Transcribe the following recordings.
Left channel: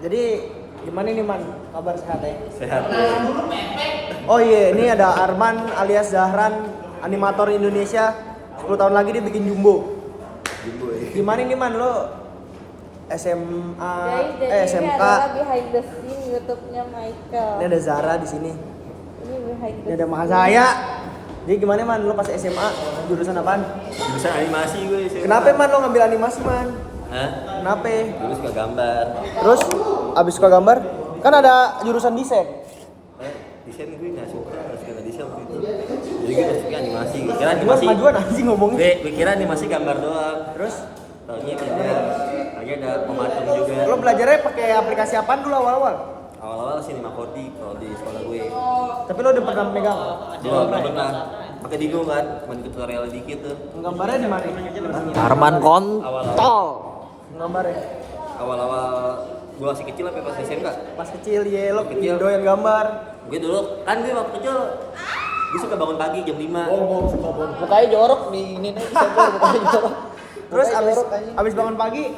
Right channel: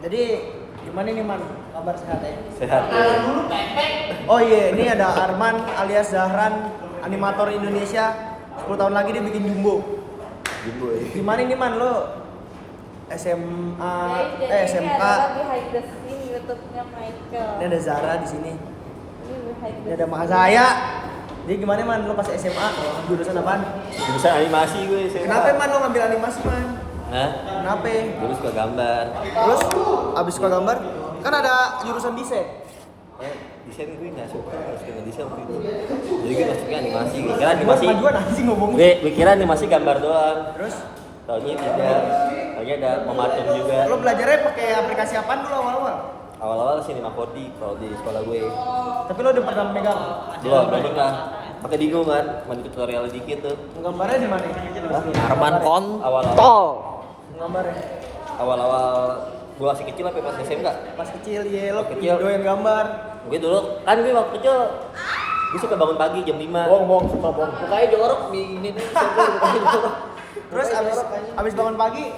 Jadi gimana nih Man? Kabar sehat ya? Sehat. Oh iya, ini ada Arman alias Zahran, animator Indonesia. 10 tahun lagi dia bikin Jumbo. Jumbo ya. Gimana nih Man lo? SMA, SMK. Lagi hide the scene YouTube-nya Michael. Ini ada Zara di sini. Ini hide Ini ada Maha saya. Jadi gimana Man lo pas SMA? Jurusan apaan? Jurusan animasi gue. Kenapa Man lo ngambil animasi Man? Hah? Kenapa? Dulu suka gambar. Terus abis suka gambar, kan ada jurusan desain. Desain gue nggak suka desain waktu itu. Jadi gue masuknya animasi. Gue kira animasi. Majuan anjing ngomongnya. Gue kira animasi gambar doang. Terus Taunya tidak. Lagi ada pematung juga. lo belajarnya pakai aplikasi apaan dulu awal-awal? Awal-awal Cinema 4D kalau di sekolah gue. Tapi lo udah pernah megang? Belum pernah. Pakai Dino kan, main tutorial dikit tuh. Gambarnya di mana? Arman kontol. Gambarnya Awal-awal gue masih kecil apa pas SMK? pas kecil ya lo Kecil. doyan gambar. Gue dulu kan gue waktu kecil gue suka bangun pagi jam 5. Bohong sumpah bohong. Mukanya jorok nih ini nih. Mukanya jorok. Terus abis bangun pagi,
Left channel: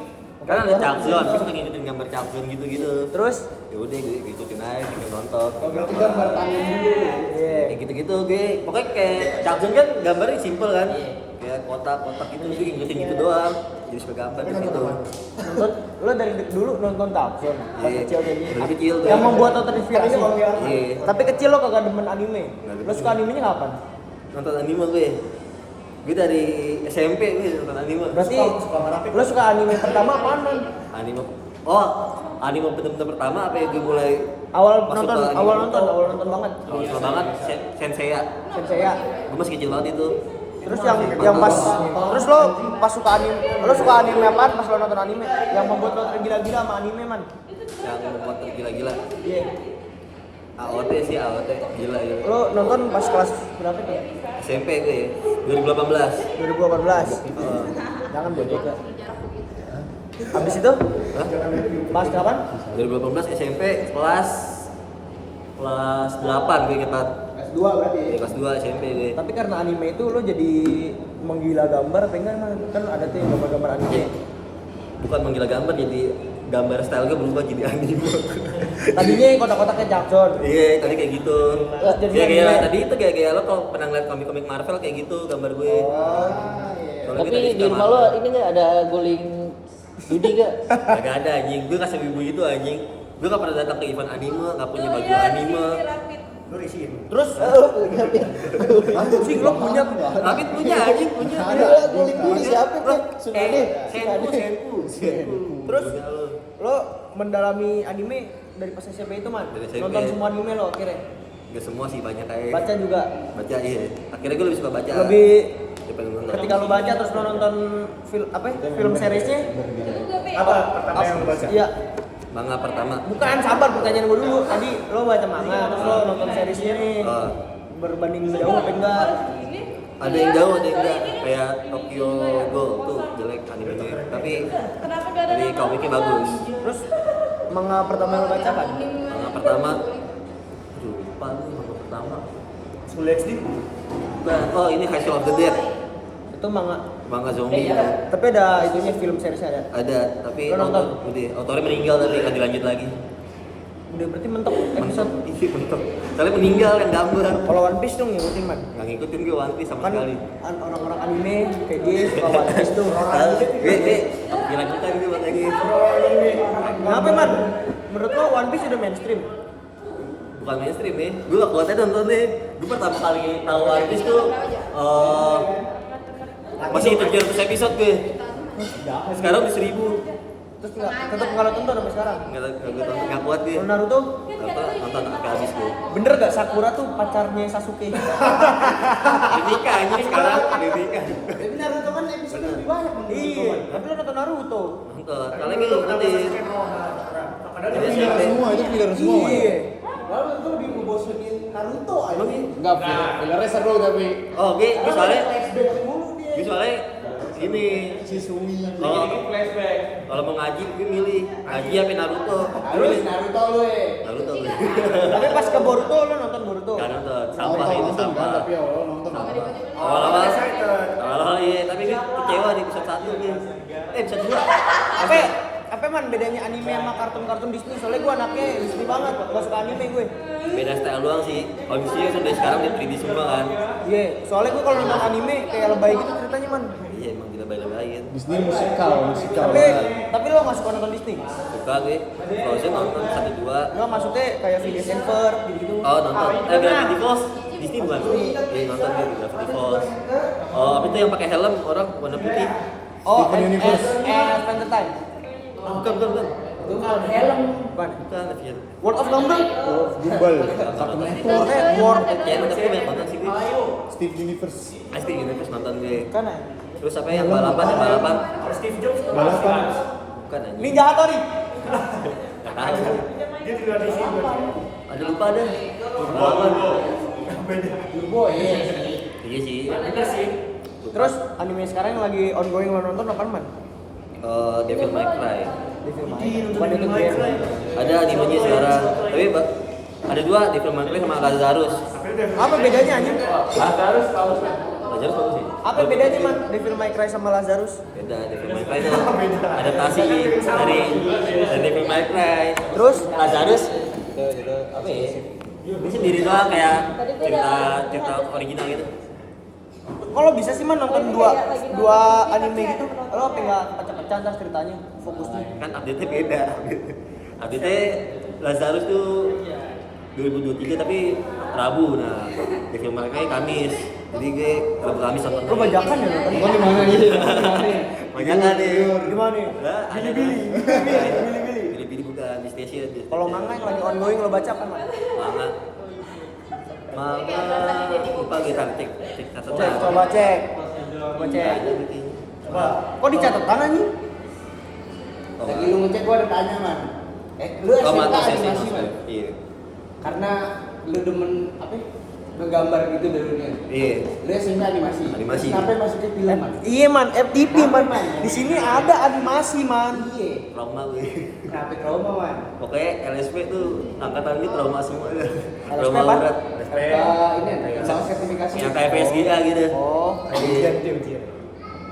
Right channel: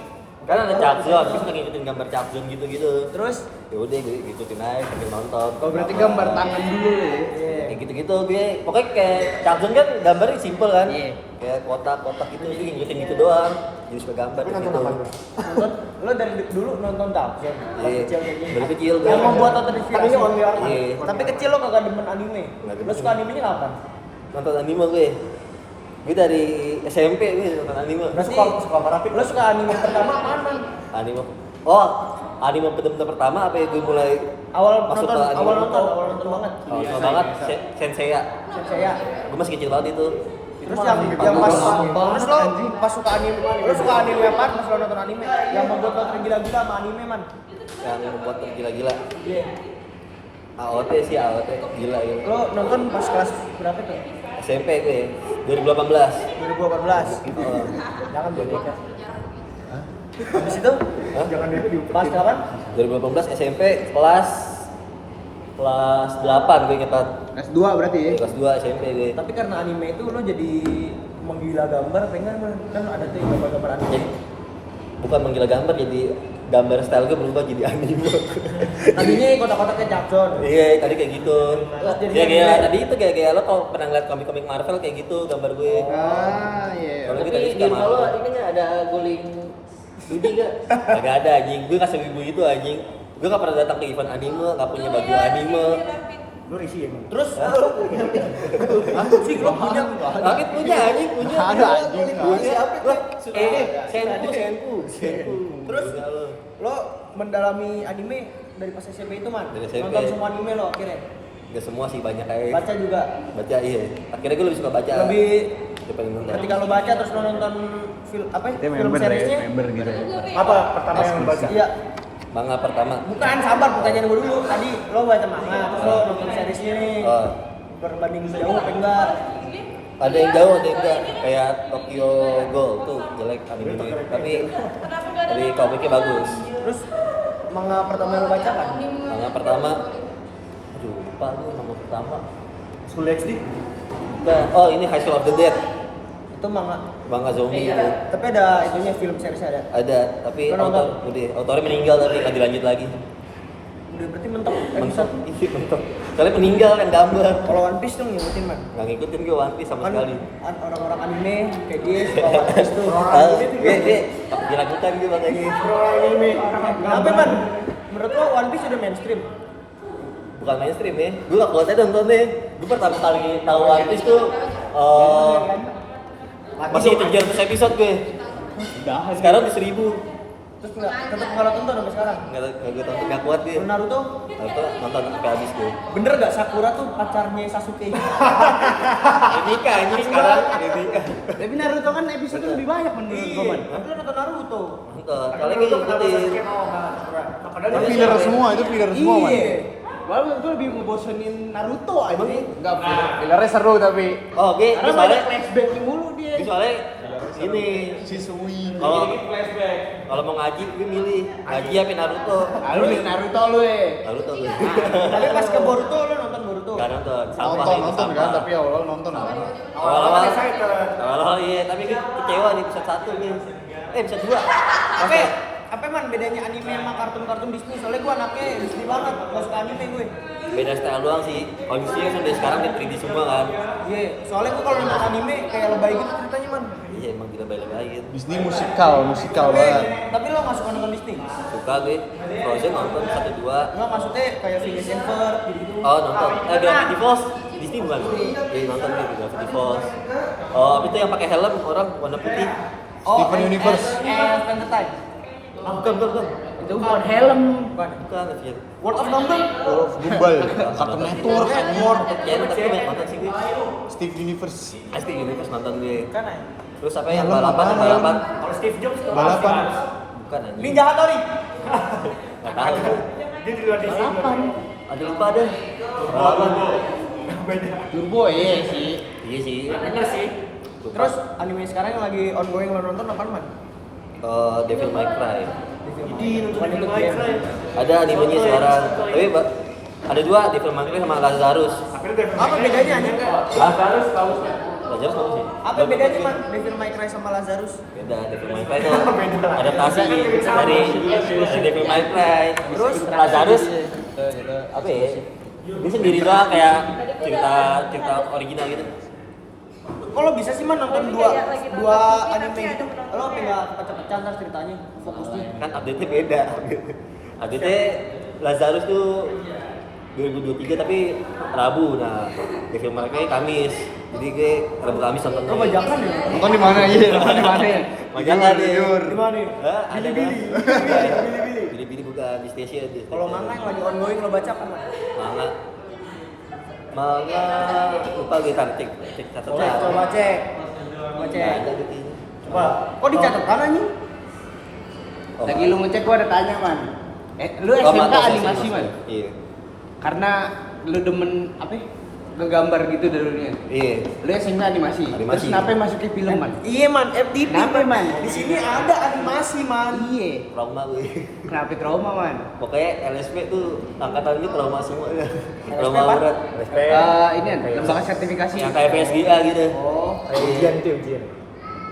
Kan ada Chuck Zone, gue suka ngikutin gambar Chuck Zone gitu-gitu. terus Ya udah gue ikutin aja sambil nonton. Berarti gambar tangan dulu. iya. Kayak gitu-gitu gue. Pokoknya kayak Chuck Zone kan gambarnya simple kan. Kayak kotak-kotak gitu, gue ngikutin gitu doang. Jadi suka gambar di situ. Nonton, lo dari dulu nonton Dakson pas Iya. kecil kayak gini. Dari kecil gue. Yang membuat lo terinspirasi. Iya. Tapi kecil lo kagak demen anime. Nggak demen. Lo suka animenya kapan? Nonton anime gue. Gue dari SMP gue nonton anime. Berarti lo suka anime pertama apaan Man? Anime. Oh, anime bener-bener pertama apa ya gue mulai Awal masuk nonton, ke anime. awal nonton banget. Awal banget Senseiya. Senseiya. Gue masih kecil banget itu. Terus yang pas terus lo pas suka anime, lo suka anime apaan pas lo nonton anime? Yang membuat lo tergila-gila sama anime Man? Yang membuat tergila-gila. Iya. AOT sih AOT gila gitu. Lo nonton pas kelas berapa tuh? SMP gue 2018. 2018. Jangan bocok ya. Habis itu? Hah? Pas kapan? 2018 SMP kelas 8 gue inget banget. S2 berarti ya. Kelas 2 SMP gue. Tapi karena anime itu lo jadi menggila gambar apa enggak Man? Kan ada tuh yang gambar-gambar anime. Bukan menggila gambar jadi gambar style gue berubah jadi anime. Tadinya kotak-kotaknya Jackson. Iya, tadi kayak gitu. Terus jadi Kayak anime. tadi itu kayak lo kalau pernah ngeliat komik-komik Marvel kayak gitu gambar gue. Ah, iya. Soalnya gue Tapi tadi di suka rumah lo Marvel. ini nggak ada guling Dudi nggak? Gak ada anjing, gue gak sewibu itu anjing. Gue gak pernah datang ke event anime, gak punya baju anime. Terus anjing lo punya Rapid punya anjing, punya. Ada anjing. Punya. Loh, senpu. Terus Punya lo. lo mendalami anime dari pas SMP itu Man? Dari SMP. Nonton semua anime lo akhirnya? Gak semua sih, banyak kayak Baca juga? baca iya. Akhirnya gue lebih suka baca. Lebih daripada nonton. ketika lo baca terus lo nonton film apa ya? Film seriesnya? gitu. Apa? Iya. Manga pertama. Bukan, sabar pertanyaan gue dulu. Tadi lo baca manga, terus lo nonton seriesnya nih. Oh. Berbanding jauh apa enggak? Ada yang jauh, ada yang enggak. Kayak Tokyo Ghoul tuh jelek animenya. Tapi dari komiknya bagus. Terus manga pertama yang lo baca kan? Manga pertama. Aduh, lupa nih manga pertama. School XD. Bukan. Oh, ini High School of the Dead. Itu manga. Manga zombie itu. Tapi ada itunya film seriesnya ada. Ada, tapi Lo nonton? autornya meninggal tapi nggak dilanjut lagi. Udah berarti mentok Mentok, episode. iya mentok. Soalnya meninggal yang gambar. Kalau One Piece tuh ngikutin Man. Nggak ngikutin gue One Piece sama Kan sekali. orang-orang anime kayak dia suka One Piece tuh. Gue gila-gilaan gue buat ini. Kenapa Man? Menurut lo One Piece udah mainstream? Bukan mainstream ya. Gue gak kuat aja nontonnya. Gue pertama kali tahu One Piece tuh masih 700 episode gue. Sekarang di 1000. Terus tetap nggak lo tonton sampai sekarang? Nggak gue tonton, nggak kuat dia. Kalau Naruto, Nonton sampai habis gue. bener gak Sakura tuh pacarnya Sasuke? Nikah ini sekarang, nikah. Tapi Naruto kan episode lebih banyak menurut Iya, tapi lo nonton Naruto. Nonton, soalnya gue ngikutin. Itu filler semua, itu filler semua man. Iya. Lalu itu lebih ngebosenin Naruto aja. Emang Enggak, fillernya seru tapi. oh, gue soalnya flashback mulu dia. gue soalnya ini Shisui. kalau mau ngaji gue milih ngaji apa Naruto. Naruto lu Naruto gue. Tapi pas ke Boruto lo nonton Boruto? Gak nonton, sampah Nonton, itu nonton kan, sampah. tapi awal nonton apa? Awal-awal iya, tapi gue kecewa di episode 1 nih. Episode 2. Apa? apa man bedanya anime sama kartun-kartun Disney? Soalnya gue anaknya Disney banget, gak suka anime gue. Beda style doang sih. Kalau di sini kan udah sekarang di 3D semua kan. Iya, soalnya gue kalau nonton anime kayak lebay gitu ceritanya man. Iya emang dilebay-lebayin. Disney musikal Tapi, banget. tapi lo gak suka nonton Disney? Suka gue. Frozen nonton 1-2. Nggak, maksudnya kayak Phineas and Ferb gitu-gitu. Oh nonton. Gravity Falls Disney bukan? Iya nonton gitu Gravity Falls. Oh apa itu yang pakai helm orang warna putih? Steven Universe. Spend the Time. Bukan. Itu bukan helm. Bukan. Bukan Avian. World of Gumball. Gumball. Cartoon Network. Network. Kayaknya tapi gue banyak nonton sih gue. Steve Universe. Pasti Universe nonton gue. Terus apa yang Helm balapan? apaan, Balapan? Balapan. Bukan anjing. Ninja Hattori. Gak tahu. Ada lupa deh. Balapan. Iya sih. Terus anime sekarang yang lagi ongoing lo nonton apaan man? Devil May Cry. Devil May Cry. Bukan itu game. Ada animenya sekarang. Tapi ada dua Devil May Cry sama Lazarus. Apa bedanya anjing? Lazarus bagus sih. Apa bedanya man Devil May Cry sama Lazarus? Beda. Devil May Cry itu adaptasi dari Devil May Cry. Terus Lazarus apa ya? Dia sendiri doang kayak cerita original gitu. kalau bisa sih man nonton dua anime gitu, lo apa nggak pecah-pecah ntar ceritanya, fokusnya? Kan update-nya beda. Update-nya Lazarus tuh 2023 tapi Rabu. Nah, Devil May Cry Kamis. Jadi gue Rabu Kamis nonton. Lo bajakan ya nonton? Nonton di mana aja? Nonton di mana? Bajakan deh. Di mana? Ada Bili-bili. Bili-bili bukan di station. Kalau manga yang lagi ongoing lo baca apa man? Manga lupa gue cek catatan. Coba cek. Ada di sini. Kok di catatan anjing? Oh, Lagi lu ngecek gua ada tanya man. Lu oh, SMK mantap, animasi man. Iya. Karena lu demen apa? Ya? Ngegambar gitu dulunya. Iya. Lu SMK animasi. Animasi. Terus kenapa masuk ke film man? Iya man, FTV Kenapa, man. Man? Di sini ada animasi man. Iya. Trauma gue. Kenapa trauma man? Pokoknya LSP tuh angkatan gue trauma semua. Trauma apa? berat. Ini lembaga sertifikasi. Yang kayak PSGA gitu. Oh, Iya.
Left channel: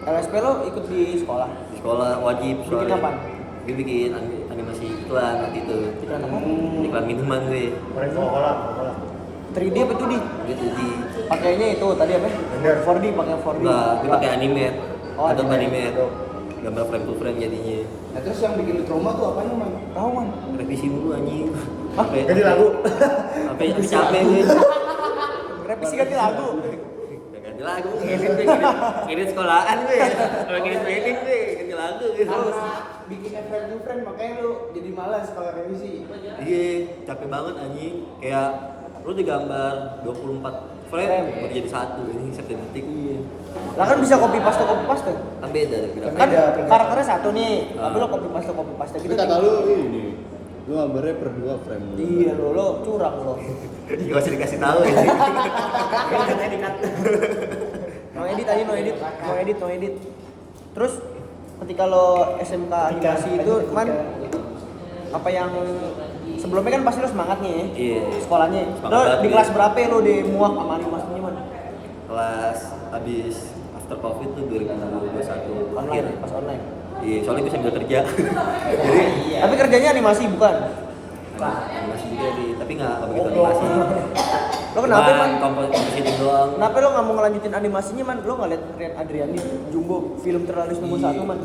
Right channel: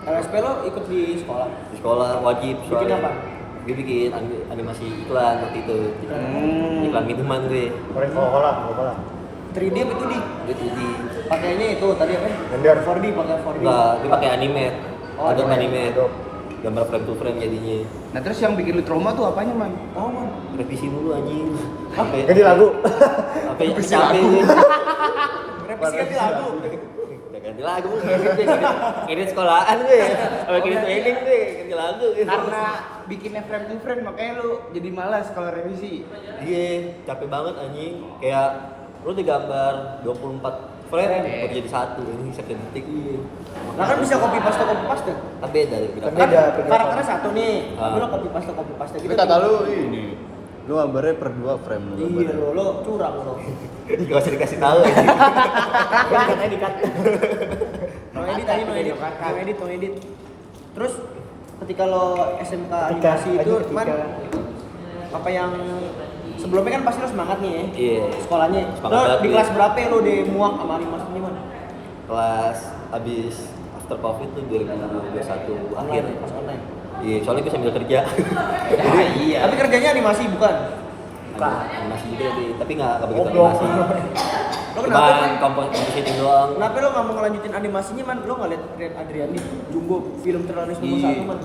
LSP lo ikut di sekolah? Di sekolah wajib Bikin soalnya. apaan? Gue bikin animasi iklan waktu itu. Iklan apa? Iklan minuman gue. 3D apa 2D? Gue tuh di Pakainya itu tadi apa? 4D, pakai 4D. enggak, gue pakai animate. Oh, Adobe animate. animate. Gambar frame to frame jadinya. Nah terus yang bikin lu trauma tuh apanya man? Tahu man. Revisi mulu anjing. Sampai Ganti lagu. Sampai capek gue. Revisi ganti lagu. Udah ganti lagu kirim sekolahan gue. Kalau kirim training gue ganti lagu gitu. Karena bikinnya frame to frame makanya lu jadi malas kalau revisi. Iya, capek banget anjing. Kayak lu digambar 24 frame buat jadi satu ini satu detik. Iya. Lah kan bisa copy paste. Kan beda beda. Kan karakternya satu nih, tapi Ah. lo copy paste gitu. Tapi kata lu ini, lu gambarnya per 2 frame lu. Iya lo curang lo. Gak usah dikasih tahu ini. No edit. Terus ketika lo SMK animasi itu man apa yang sebelumnya kan pasti lo semangat nih ya. Iya. Sekolahnya. Semangat Lo banget, di iya. kelas berapa lo udah muak sama animasinya man? Kelas habis after covid tuh 2021 akhir. Pas online. Iya, soalnya gue sambil kerja. Jadi Tapi kerjanya animasi bukan? animasi juga tapi nggak begitu animasi. Lo kenapa man? Komposisi doang. Kenapa lo nggak mau ngelanjutin animasinya man? Lo nggak liat Rian Adriani Jumbo film terlaris nomor 1 man?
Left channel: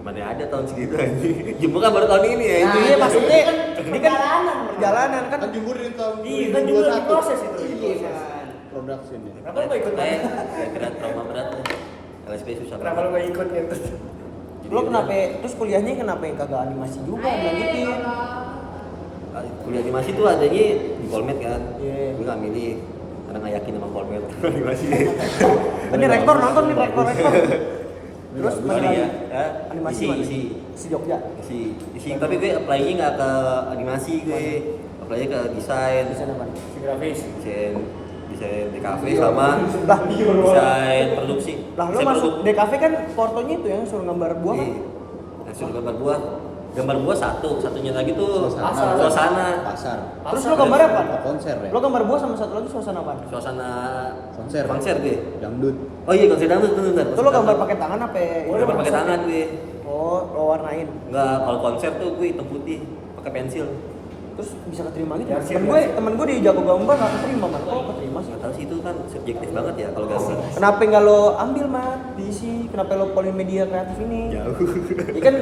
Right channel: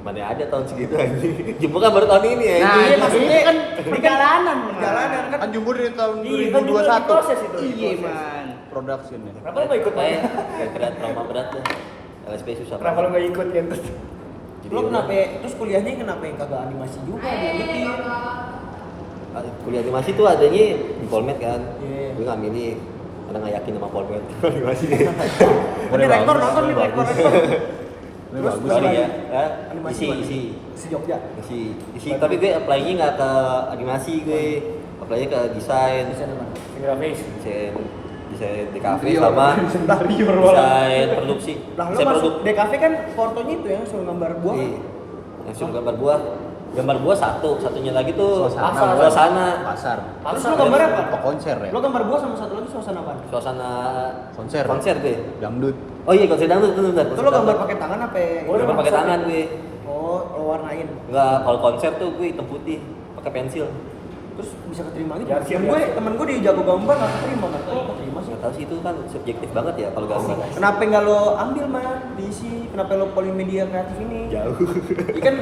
Mana ada tahun segitu aja. Jumbo kan baru tahun ini ya. Iya maksudnya ini kan perjalanan kan. Kan Jumbo dari tahun 2021. Iya man. Production ya. Kira-kira trauma berat ya. LSP susah banget. Kalau nggak ikut kan terus Lo kenapa? Terus kuliahnya kenapa yang kagak animasi juga dilanjutin? Kuliah animasi tuh adanya di Polmed kan. Iya. Gue nggak milih karena nggak yakin sama Polmed animasi. Kan di rektor nonton nih rektor. Ini Terus bagus. balik Sorry lagi. ya. Animasi isi, mana? isi. Si Jogja. Isi. Tapi gue apply-nya nggak ke animasi gue. Apply-nya ke desain. Desain apa? grafis. Desain DKV sama desain produksi. Lah lo Desain masuk produk. DKV kan fotonya itu ya suruh gambar buah kan? Iya. Yang suruh gambar buah. Gambar buah satunya lagi tuh Suasana. suasana. Pasar. Terus lo gambar apa? Apa konser ya? Lo gambar buah sama satu lagi suasana apa? Suasana Konser. konser gue. Dangdut. Oh iya konser dangdut benar. Itu lo gambar pakai tangan apa? Gambar pakai tangan gue. Oh, lo warnain. Enggak, kalau konser tuh gue hitam putih pakai pensil. Terus bisa keterima gitu. Ya, Temen gue di jago gambar nggak keterima man. Kok keterima sih? Nggak tahu sih itu kan subjektif banget ya kalau gambar. Kenapa nggak lo ambil man? Diisi. Kenapa lo polimedia kreatif ini? Jauh. Ini kan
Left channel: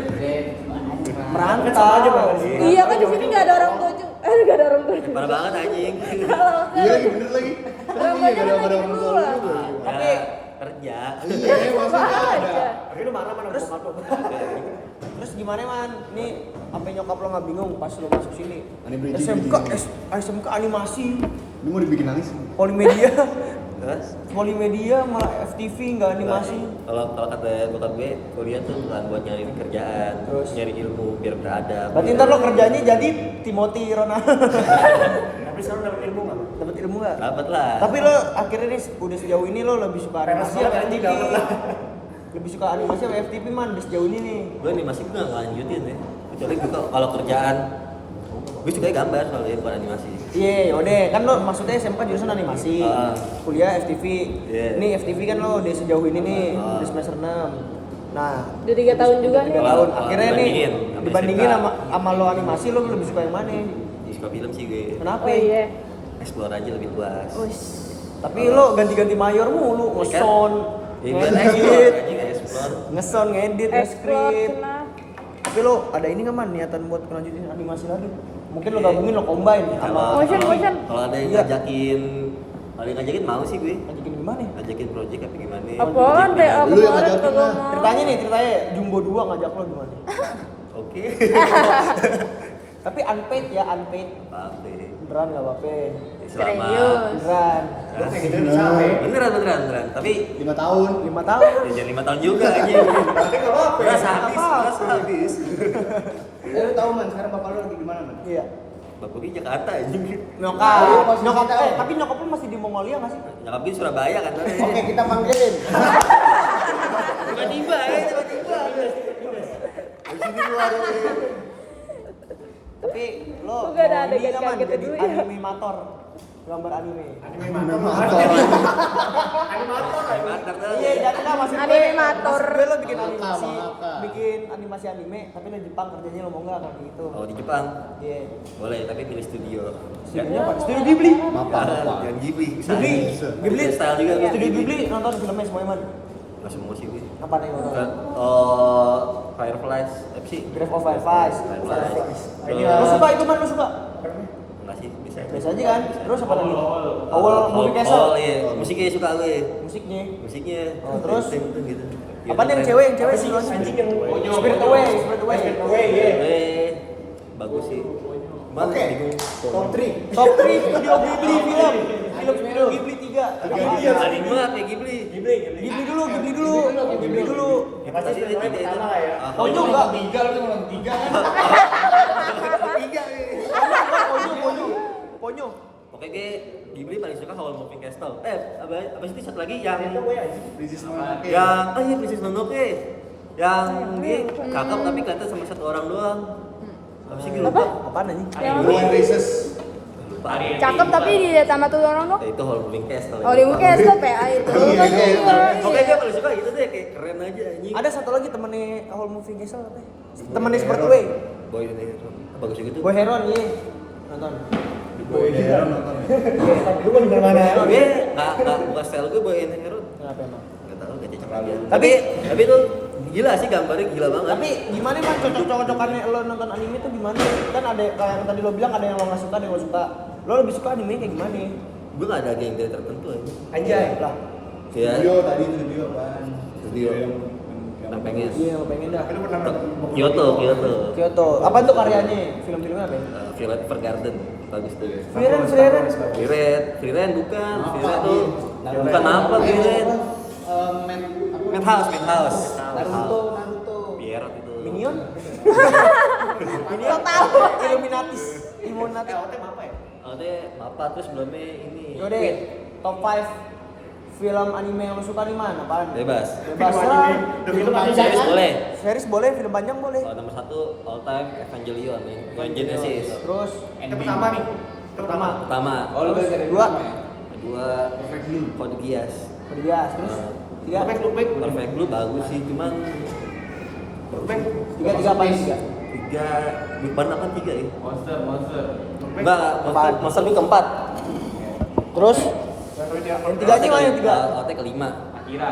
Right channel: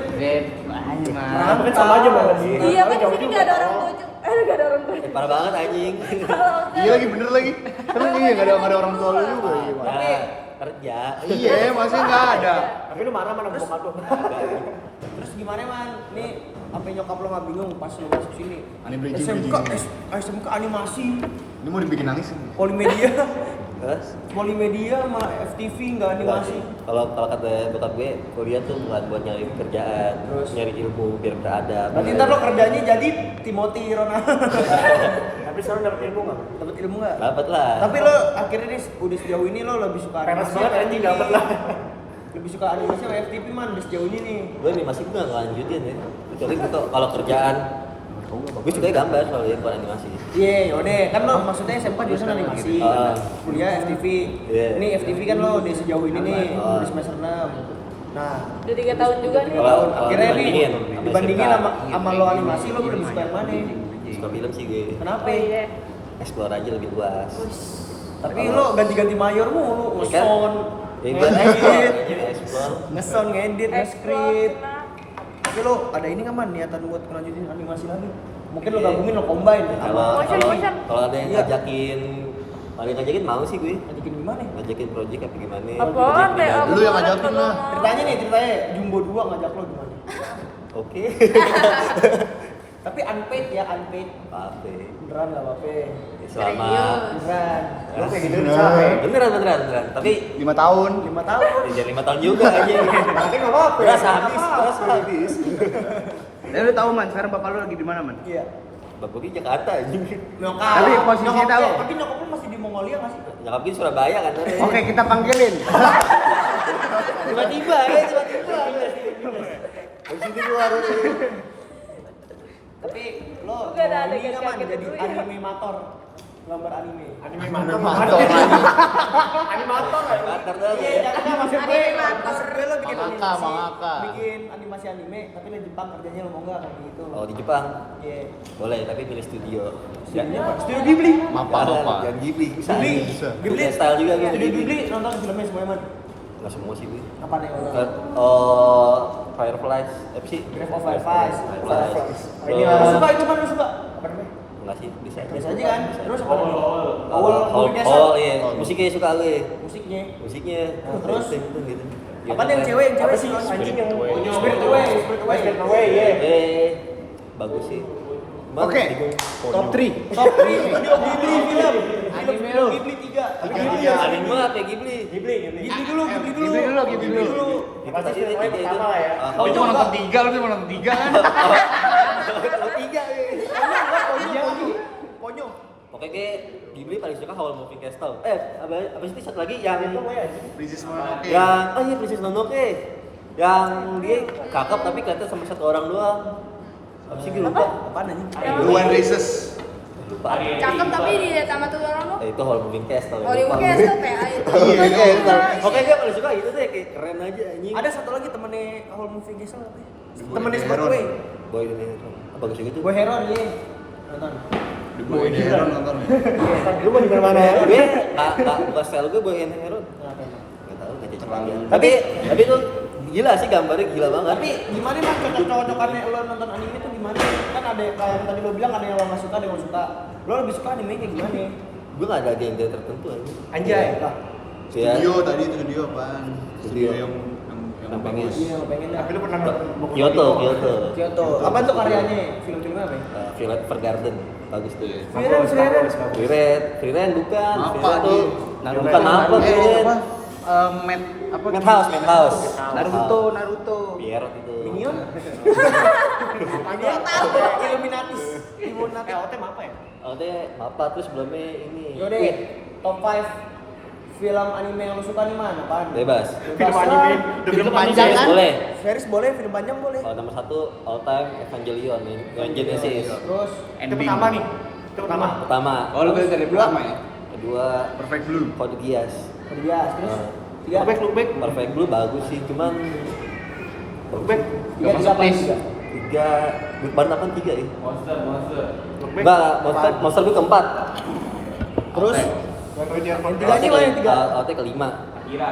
merantau. Iya kan di sini nggak ada orang tua juga. Nggak ada orang tua. Parah banget anjing. Iya lagi bener lagi. Terus iya nggak ada orang tua lu juga. Gimana? Tapi kerja. Iya masih nggak ada. terus gimana man? Nih apa nyokap lo nggak bingung pas lo masuk sini? Anime SMK bridging. SMK animasi, Ini mau dibikin nangis. polimedia, Terus polimedia malah FTV nggak animasi. kalau kata bokap gue kuliah tuh bukan buat nyari kerjaan, Terus? nyari ilmu biar beradab. Berarti ntar lo kerjanya jadi Timothy Rona. Dapat ilmu nggak? Dapat lah. Tapi lo akhirnya nih udah sejauh ini lo lebih suka animasi apa FTV? Lebih suka animasi apa FTV man? Udah sejauh ini nih. Gue animasi gue nggak lanjutin ya. Kecuali gitu kalau kerjaan gue suka gambar soalnya bukan animasi. Iya, yaudah kan lo maksudnya SMK jurusan animasi, kuliah FTV. Iya. Nih FTV kan lo udah sejauh ini nih, Ah. udah semester 6. Nah, Udah 3 tahun juga nih. 3 tahun. Kalau Akhirnya nih dibandingin sama dibandingin SMK. sama lo animasi lo lebih suka yang mana? Suka film sih gue. Kenapa? Oh iya. Explore aja lebih luas. Tapi lo ganti-ganti mayor mulu, Iya kan? ngeson, Ya buat explore ngedit, aja explore. ngeson, ngedit, Explore, nge-script. senang. Tapi lo ada ini nggak man niatan buat ngelanjutin animasi lagi? Mungkin lo gabungin lo combine Kalau sama kalau ada yang Iya. ngajakin mau sih gue. ngajakin gimana? Ngajakin project apa gimana? Apaan, Project Teh? bidang. Lu yang ngajakin lah. Ceritanya Jumbo 2 ngajak lo gimana? Oke. Tapi unpaid ya, unpaid. Apa-apa. Beneran nggak apa-apa. Selama Beneran. Hah? beneran. Tapi 5 tahun. 5 tahun. ya, jangan 5 tahun juga aja. Berasa habis. Ya lu tahu man, sekarang bapak lu lagi di mana man? Iya. Bapak gue Jakarta anjing. Nyokap. Tapi posisi Nyokap tahu. tapi nyokap lu masih di Mongolia nggak sih? Nyokap gue Surabaya kan. Oke, kita panggilin. Tiba-tiba. Di sini keluar. Tapi lo Bukan ada mau ini yang nggak man kayak jadi gitu ya. animator, gambar anime. Animator lagi. Mantap dah. Iya, jadi nggak maksud gue lo bikin Mangaka, animasi, mangaka. bikin animasi anime, tapi lo Jepang kerjanya lo mau nggak kayak gitu? Oh di Jepang Iya. boleh tapi pilih studio. Studionya apa? Studio Ghibli. Mapa. Jangan Ghibli. Ghibli. Ghibli. Style juga gue. Studio Ghibli nonton filmnya semuanya man. Nggak semua sih gue. Apa nih nonton? Fireflies, apa sih? Grave of Fireflies. Fireflies. Lo suka itu man, lo suka? Enggak sih, bisa. Biasa aja kan? Terus apa lagi? Awal Movie Castle. Oh iya, musiknya suka gue. Musiknya. Musiknya. Oh, terus? gitu. Apa nih yang cewek sih? Spirit Away. Bagus sih. Cuman Oke. bingung. Top 3. Top 3 Studio Ghibli film. Film Ghibli 3. Anime apa ya Ghibli? Ghibli dulu. Itu tadi tiga itu. Ponyo enggak? 3 lu belum 3 kan? Ponyo. Pokoknya gue Ghibli paling suka Howl Moving Castle. Apa sih satu lagi yang Princess Mononoke. iya Princess Mononoke. Yang dia cakep tapi kelihatan sama satu orang doang. Apa sih gue lupa? Apaan anjing? Blue and Races. Lupa. Cakep tapi di sama tuh orang lo. Itu Howl Moving Castle. Oh, di mungkin stop ya itu. Iya, itu. Oke, gue paling suka itu deh, kayak keren aja anjing. Ada satu lagi temennya Whole Movie Castle apa ya? Temennya Spirit Away. Boy ini bagus juga tuh. Boy Heron iya. Nonton. Di Boy Heron nonton. Lu mau di mana Heron? Gue nggak bukan style gue Boy and Hero. Kenapa emang? Nggak tahu gak cocok aja. Tapi- tapi tuh gila sih gambarnya gila banget. Tapi gimana mas cocok-cocokannya lo nonton anime tuh gimana? Kan ada kayak yang tadi lo bilang ada yang lo nggak suka, ada yang lo suka. Lo lebih suka anime kayak gimana? Gue nggak ada genre tertentu aja. Anjay. Lah, Kayak Studio tadi itu studio apaan? Studio. yang Yang pengen. iya yang lo pengen dah. Kyoto. Kyoto. Apa tuh karyanya? Film-filmnya apa ya? Violet Evergarden bagus tuh. Frieren. Frieren bukan. Apa Frieren tuh lagi? bukan apa Frieren. Madhouse. Naruto. Pierrot itu. Minion? Minion Illuminatis. Illuminati. Oh deh, Mapa terus sebelumnya ini. Yaudah, top 5 film anime yang lo suka nih man? Apaan? Bebas. Bebas lah. Film panjang Series boleh. Series boleh, film panjang boleh. Kalau nomor 1 all time Evangelion nih, yang Genesis. Terus ending. Pertama, Oh, lu dari Dua. pertama ya? kedua Perfect Blue. Code Geass. Kodias, terus tiga. Perfect Blue bagus sih, cuman Tiga apa ini tiga? 3, Big Bang apa 3 ya? Monster. Enggak, Monster gue keempat. Terus tiganya mana yang tiga? AOT kelima. Akira.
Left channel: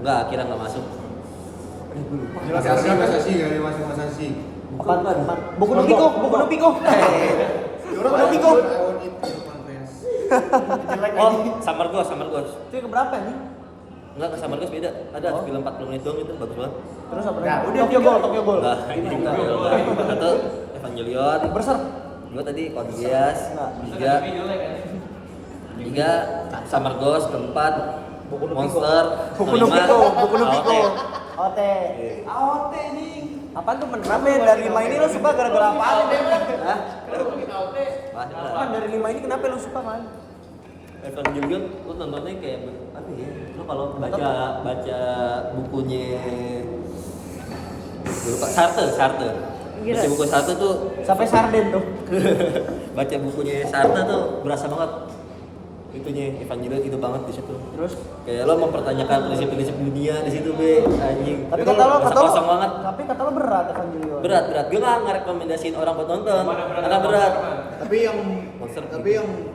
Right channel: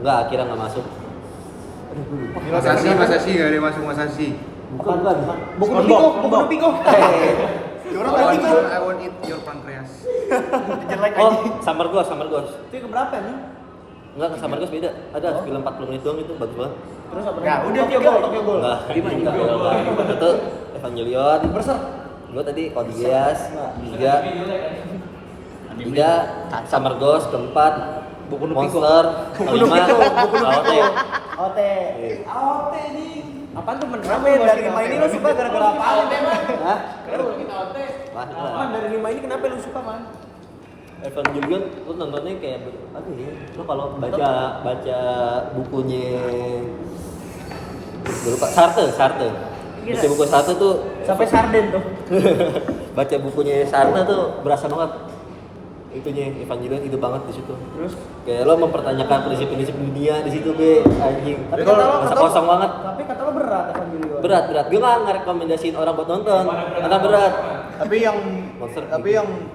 Enggak, Akira enggak masuk. Aduh, gue lupa. Masasi nggak ada masuk Masasi. Bukan. Boku no Pico. Boku no Pico. I want eat your pancreas. Oh, Summer Ghost. Itu yang keberapa nih? Enggak, ke Summer Ghost beda. Ada film 40 menit doang itu, bagus banget. Terus apa lagi? Tokyo Ghoul. Enggak, itu enggak. Satu Evangelion. Berserk. Gue tadi Code Geass, 3 Summer Ghost, keempat Monster, Boku no Pico. AOT. AOT nih. Apaan tuh men? Kenapa ya dari 5 ini lo suka gara-gara apaan nih men? Hah? Man dari 5 ini kenapa lu suka man? Evangelion lu nontonnya kayak aduh ya, lu kalau baca bukunya gue lupa Sartre. Baca buku Sartre tuh Sampai sarden tuh. baca bukunya Sartre tuh berasa banget itunya Evangelion itu banget di situ. Terus Kayak lo mempertanyakan prinsip-prinsip dunia di situ gue anjing. tapi kata lo kosong banget. Tapi kata lo berat Evangelion. Berat. Gue nggak ngerekomendasiin orang buat nonton karena berat. Tapi yang Monster.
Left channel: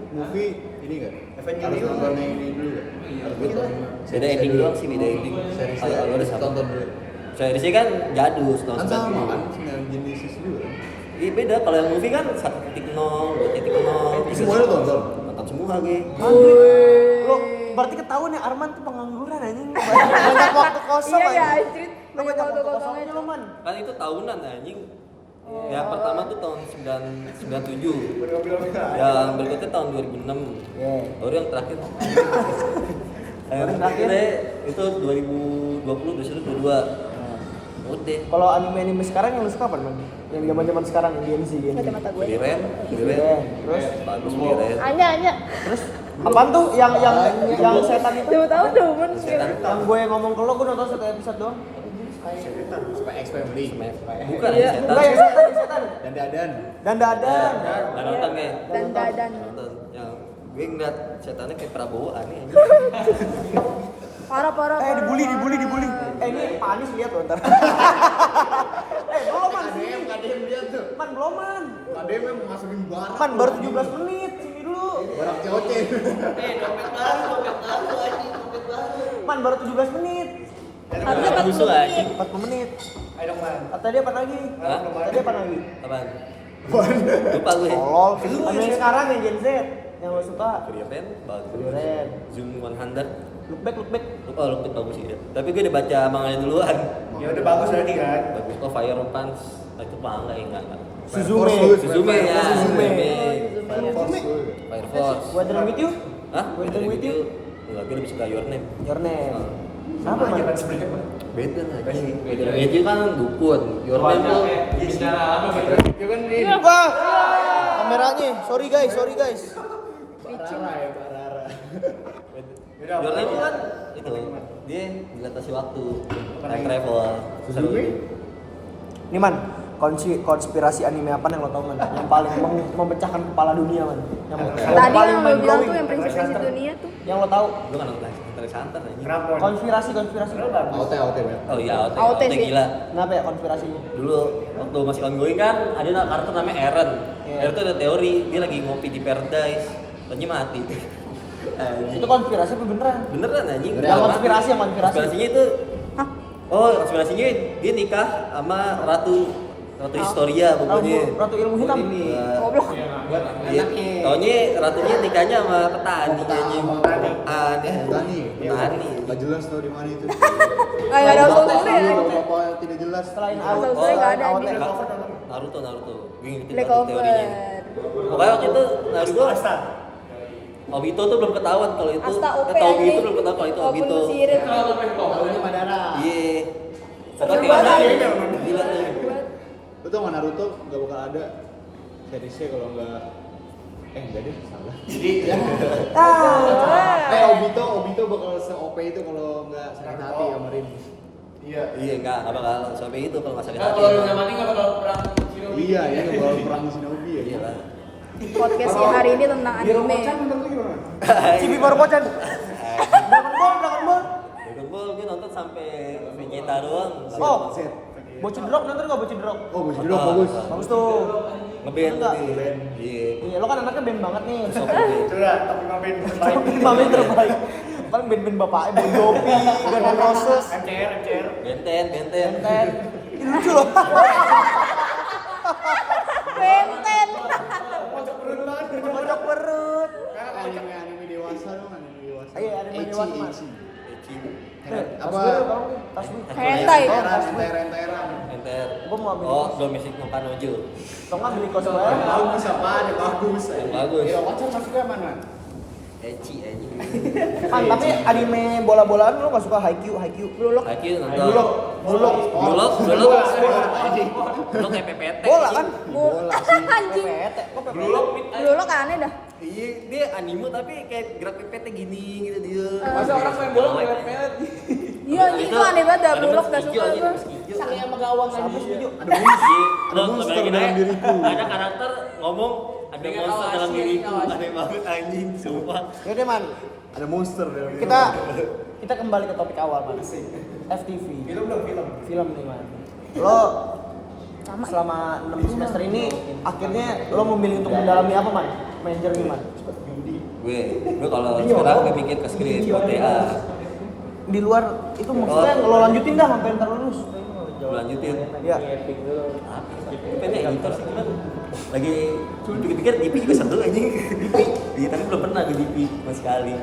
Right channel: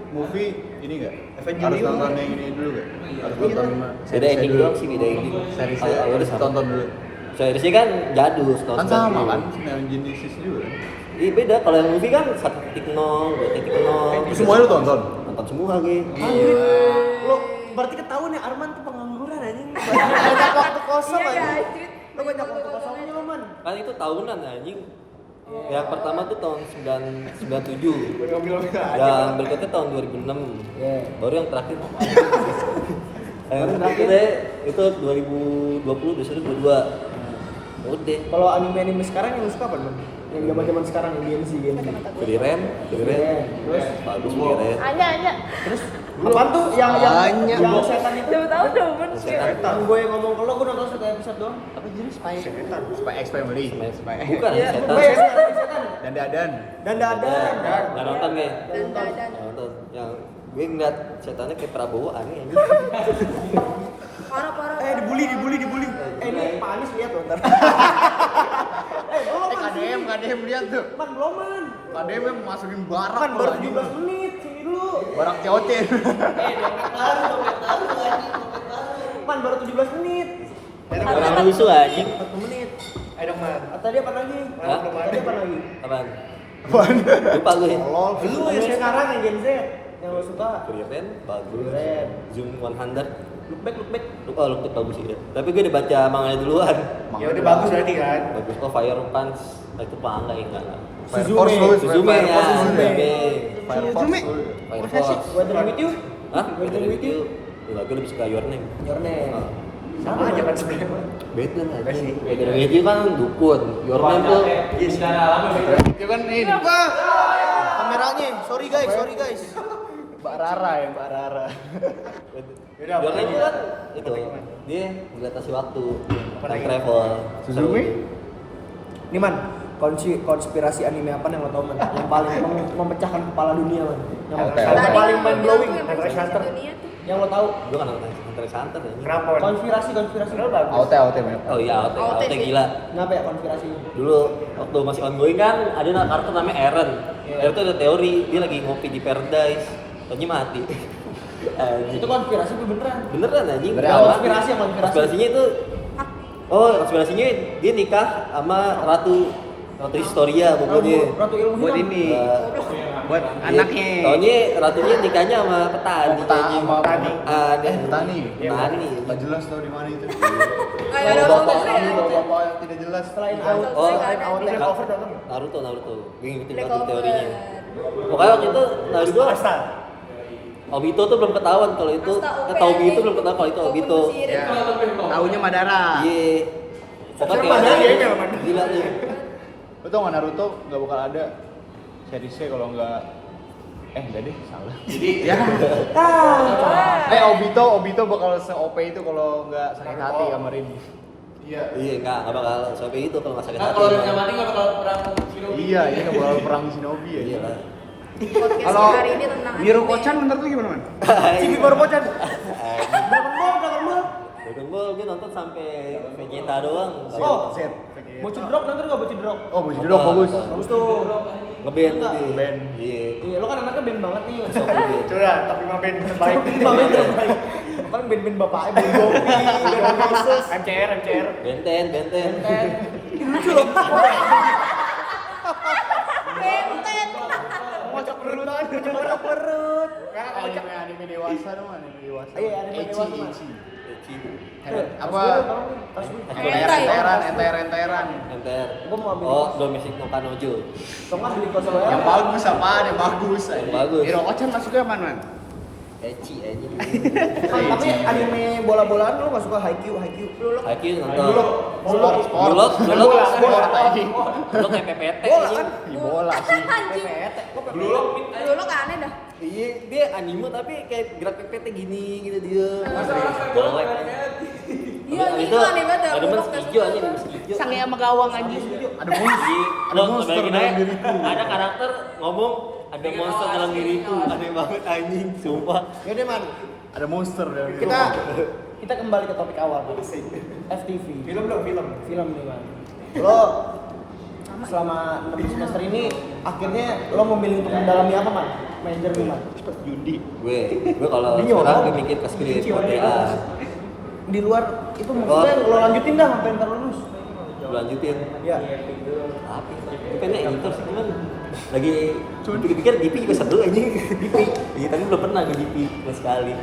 movie ini nggak? Harus nonton yang ini dulu nggak? Harus nonton Beda ending doang sih, beda ending. Seriesnya Kalau udah sama. tonton dulu. Seriesnya kan jadul tahun Kan sama kan? Neon Genesis juga. Iya beda, kalau yang movie kan 1.0, 2.0. Semuanya lu tonton? Nonton semua gue. Anjir. Lo berarti ketahuan ya Arman tuh pengangguran anjing. Banyak waktu kosong Iya, anjing. anjir. Lo banyak waktu kosongnya lo man. Kan itu tahunan anjing. Yang pertama tuh tahun 97. Yang berikutnya tahun 2006. Iya. Baru yang terakhir. Yang terakhir? Itu 2020, besok 22. Udah. Kalau anime sekarang yang lu suka apa man? Yang zaman sekarang yang Gen Z. Frieren. Terus Bagus Frieren. Anya. terus apaan tuh yang setan itu? Coba tahu dong kan. Yang gue ngomong ke lo, gue nonton satu episode doang. Spy X Family. Bukan ya setan. Enggak yang setan. Dan Dadan. Dan dadan. Nggak nonton gue. Dan. Nggak nonton. Yang gue ngeliat setannya kayak Prabowo aneh anjing. Parah. Dibully. Ini Pak Anies lihat loh ntar. Belum man. KDM lihat tuh. Man belum man. KDM yang masukin barak. Man baru 17 menit. Sini dulu. Barak COC. Man baru 17 menit. Orang musuh anjing. 40 menit. Tadi apa lagi? Hah? Tadi apa lagi? Apaan? Lupa gue. Tolol. Yang sekarang yang Gen Z yang lo suka. Frieren bagus. Frieren. Zoom 100. Look back. Look bagus sih. Tapi gue udah baca manganya duluan. Ya udah bagus berarti kan. Bagus kok Fire Punch. Itu manga ya enggak. Suzume. Suzume ya. Suzume. Fire Force. Fire Force. Weathering with you? Hah? Weathering with you? Enggak, gue lebih suka Your Name. Your name. Oh. Siapa man? Beda aja. Weathering with you kan dukun. Your Name tuh Itu kan ini. Wah, kameranya. Sorry guys. Mbak Rara. Your Name tuh kan itu dia dilatasi waktu, time travel. Suzume? Nih man, konspirasi anime apa yang lo tau man? Yang paling memecahkan kepala dunia man? Yang paling mind blowing? Dunia tuh. Yang lo tau? Gue kan nonton Hunter x Hunter anjing. Konspirasi. AOT banyak. Oh iya, AOT AOT sih. gila. Kenapa ya konspirasinya? Dulu waktu masih ongoing kan ada karakter namanya Eren. Eren tuh ada teori dia lagi ngopi di Paradise, ternyata mati. Itu konspirasi apa beneran? Beneran anjing. Yang konspirasi. Konspirasinya itu konspirasinya dia nikah sama Ratu Historia pokoknya. Ratu ilmu hitam. Buat anaknya. Taunya ratunya nikahnya sama petani. Sama Petani. Petani. Gak jelas tau di mana itu. Ada Bapak tidak jelas. Selain Selain AOT. Naruto. Gue ngikutin banget teorinya. Pokoknya waktu itu Naruto Obito tuh belum ketahuan kalau itu Taubi itu belum ketahuan kalau itu Obito. Taunya Madara. Iya. Pokoknya teorinya gila tuh. Lo tau gak Naruto gak bakal ada serisnya kalau nggak enggak deh salah. Jadi ya Obito bakal se-OP itu kalau nggak sakit hati sama Rin. Iya enggak bakal sampai itu kalau nggak sakit hati. Iya, ini nggak bakal perang Shinobi ya. Iya lah. Podcast hari ini tentang Birokocan anime. menurut lu gimana, Man? Cibi baru pocan. Dragon Ball gue nonton sampai Vegeta doang. Oh, Bocil Drog nonton nggak Bocil Drog? Oh, Bocil Drog bagus. Bagus tuh. Ngeband Enggak. tadi. Ngeband. Iya. Iya, lo kan anaknya band banget nih. Sok ngeband. Lima band terbaik. Paling band-band bapaknya Bon Jovi, Guns N' Roses, Benten. Benten. Ini lucu loh. Benten. Kocok perut. Anime dewasa dong, anime dewasa. Iya, anime dewasa, Mas. Apa? Tas gue. Enteran. Enter. Gua mau ambil Oh, kos. domestic no kanojo. Tau nggak beli kos apa? Yang bagus apaan? Yang bagus. Yang bagus. Hero Kocel masuknya mana? Eci. Man, tapi anime bola-bolaan lo nggak suka Haikyuu? Haikyuu nonton. Bulog. Bulog kayak PPT. Bola kan? Bola sih. Anjing. PPT. Kok PPT? Dulu kan aneh dah. Iya, dia anime tapi kayak gerak PPT gini gitu dia. Golek. Iya, itu aneh banget dah. Ada Bulog mas gak hijau suka. aja, mas hijau. Sange sama gawang Siapa aja. sih hijau? Ada monster. Ada monster Bayangin dalam aja, diriku. Ada karakter ngomong ada monster dalam diriku. Aneh banget anjing, sumpah. Ya deh man, Ada monster dalam diriku. kita kembali ke topik awal man. FTV. Film nih man. Lo selama 6 semester ini akhirnya lo memilih untuk mendalami apa man? Major nih man. Gue kalau sekarang gue mikir ke skrip buat TA. Di luar itu maksudnya lo lanjutin dah sampai ntar lulus. Gue lanjutin. Ya. Tapi gue pengen editor sih cuman lagi pikir-pikir DP juga seru aja. DP. Iya, tapi belum pernah ke DP sama sekali.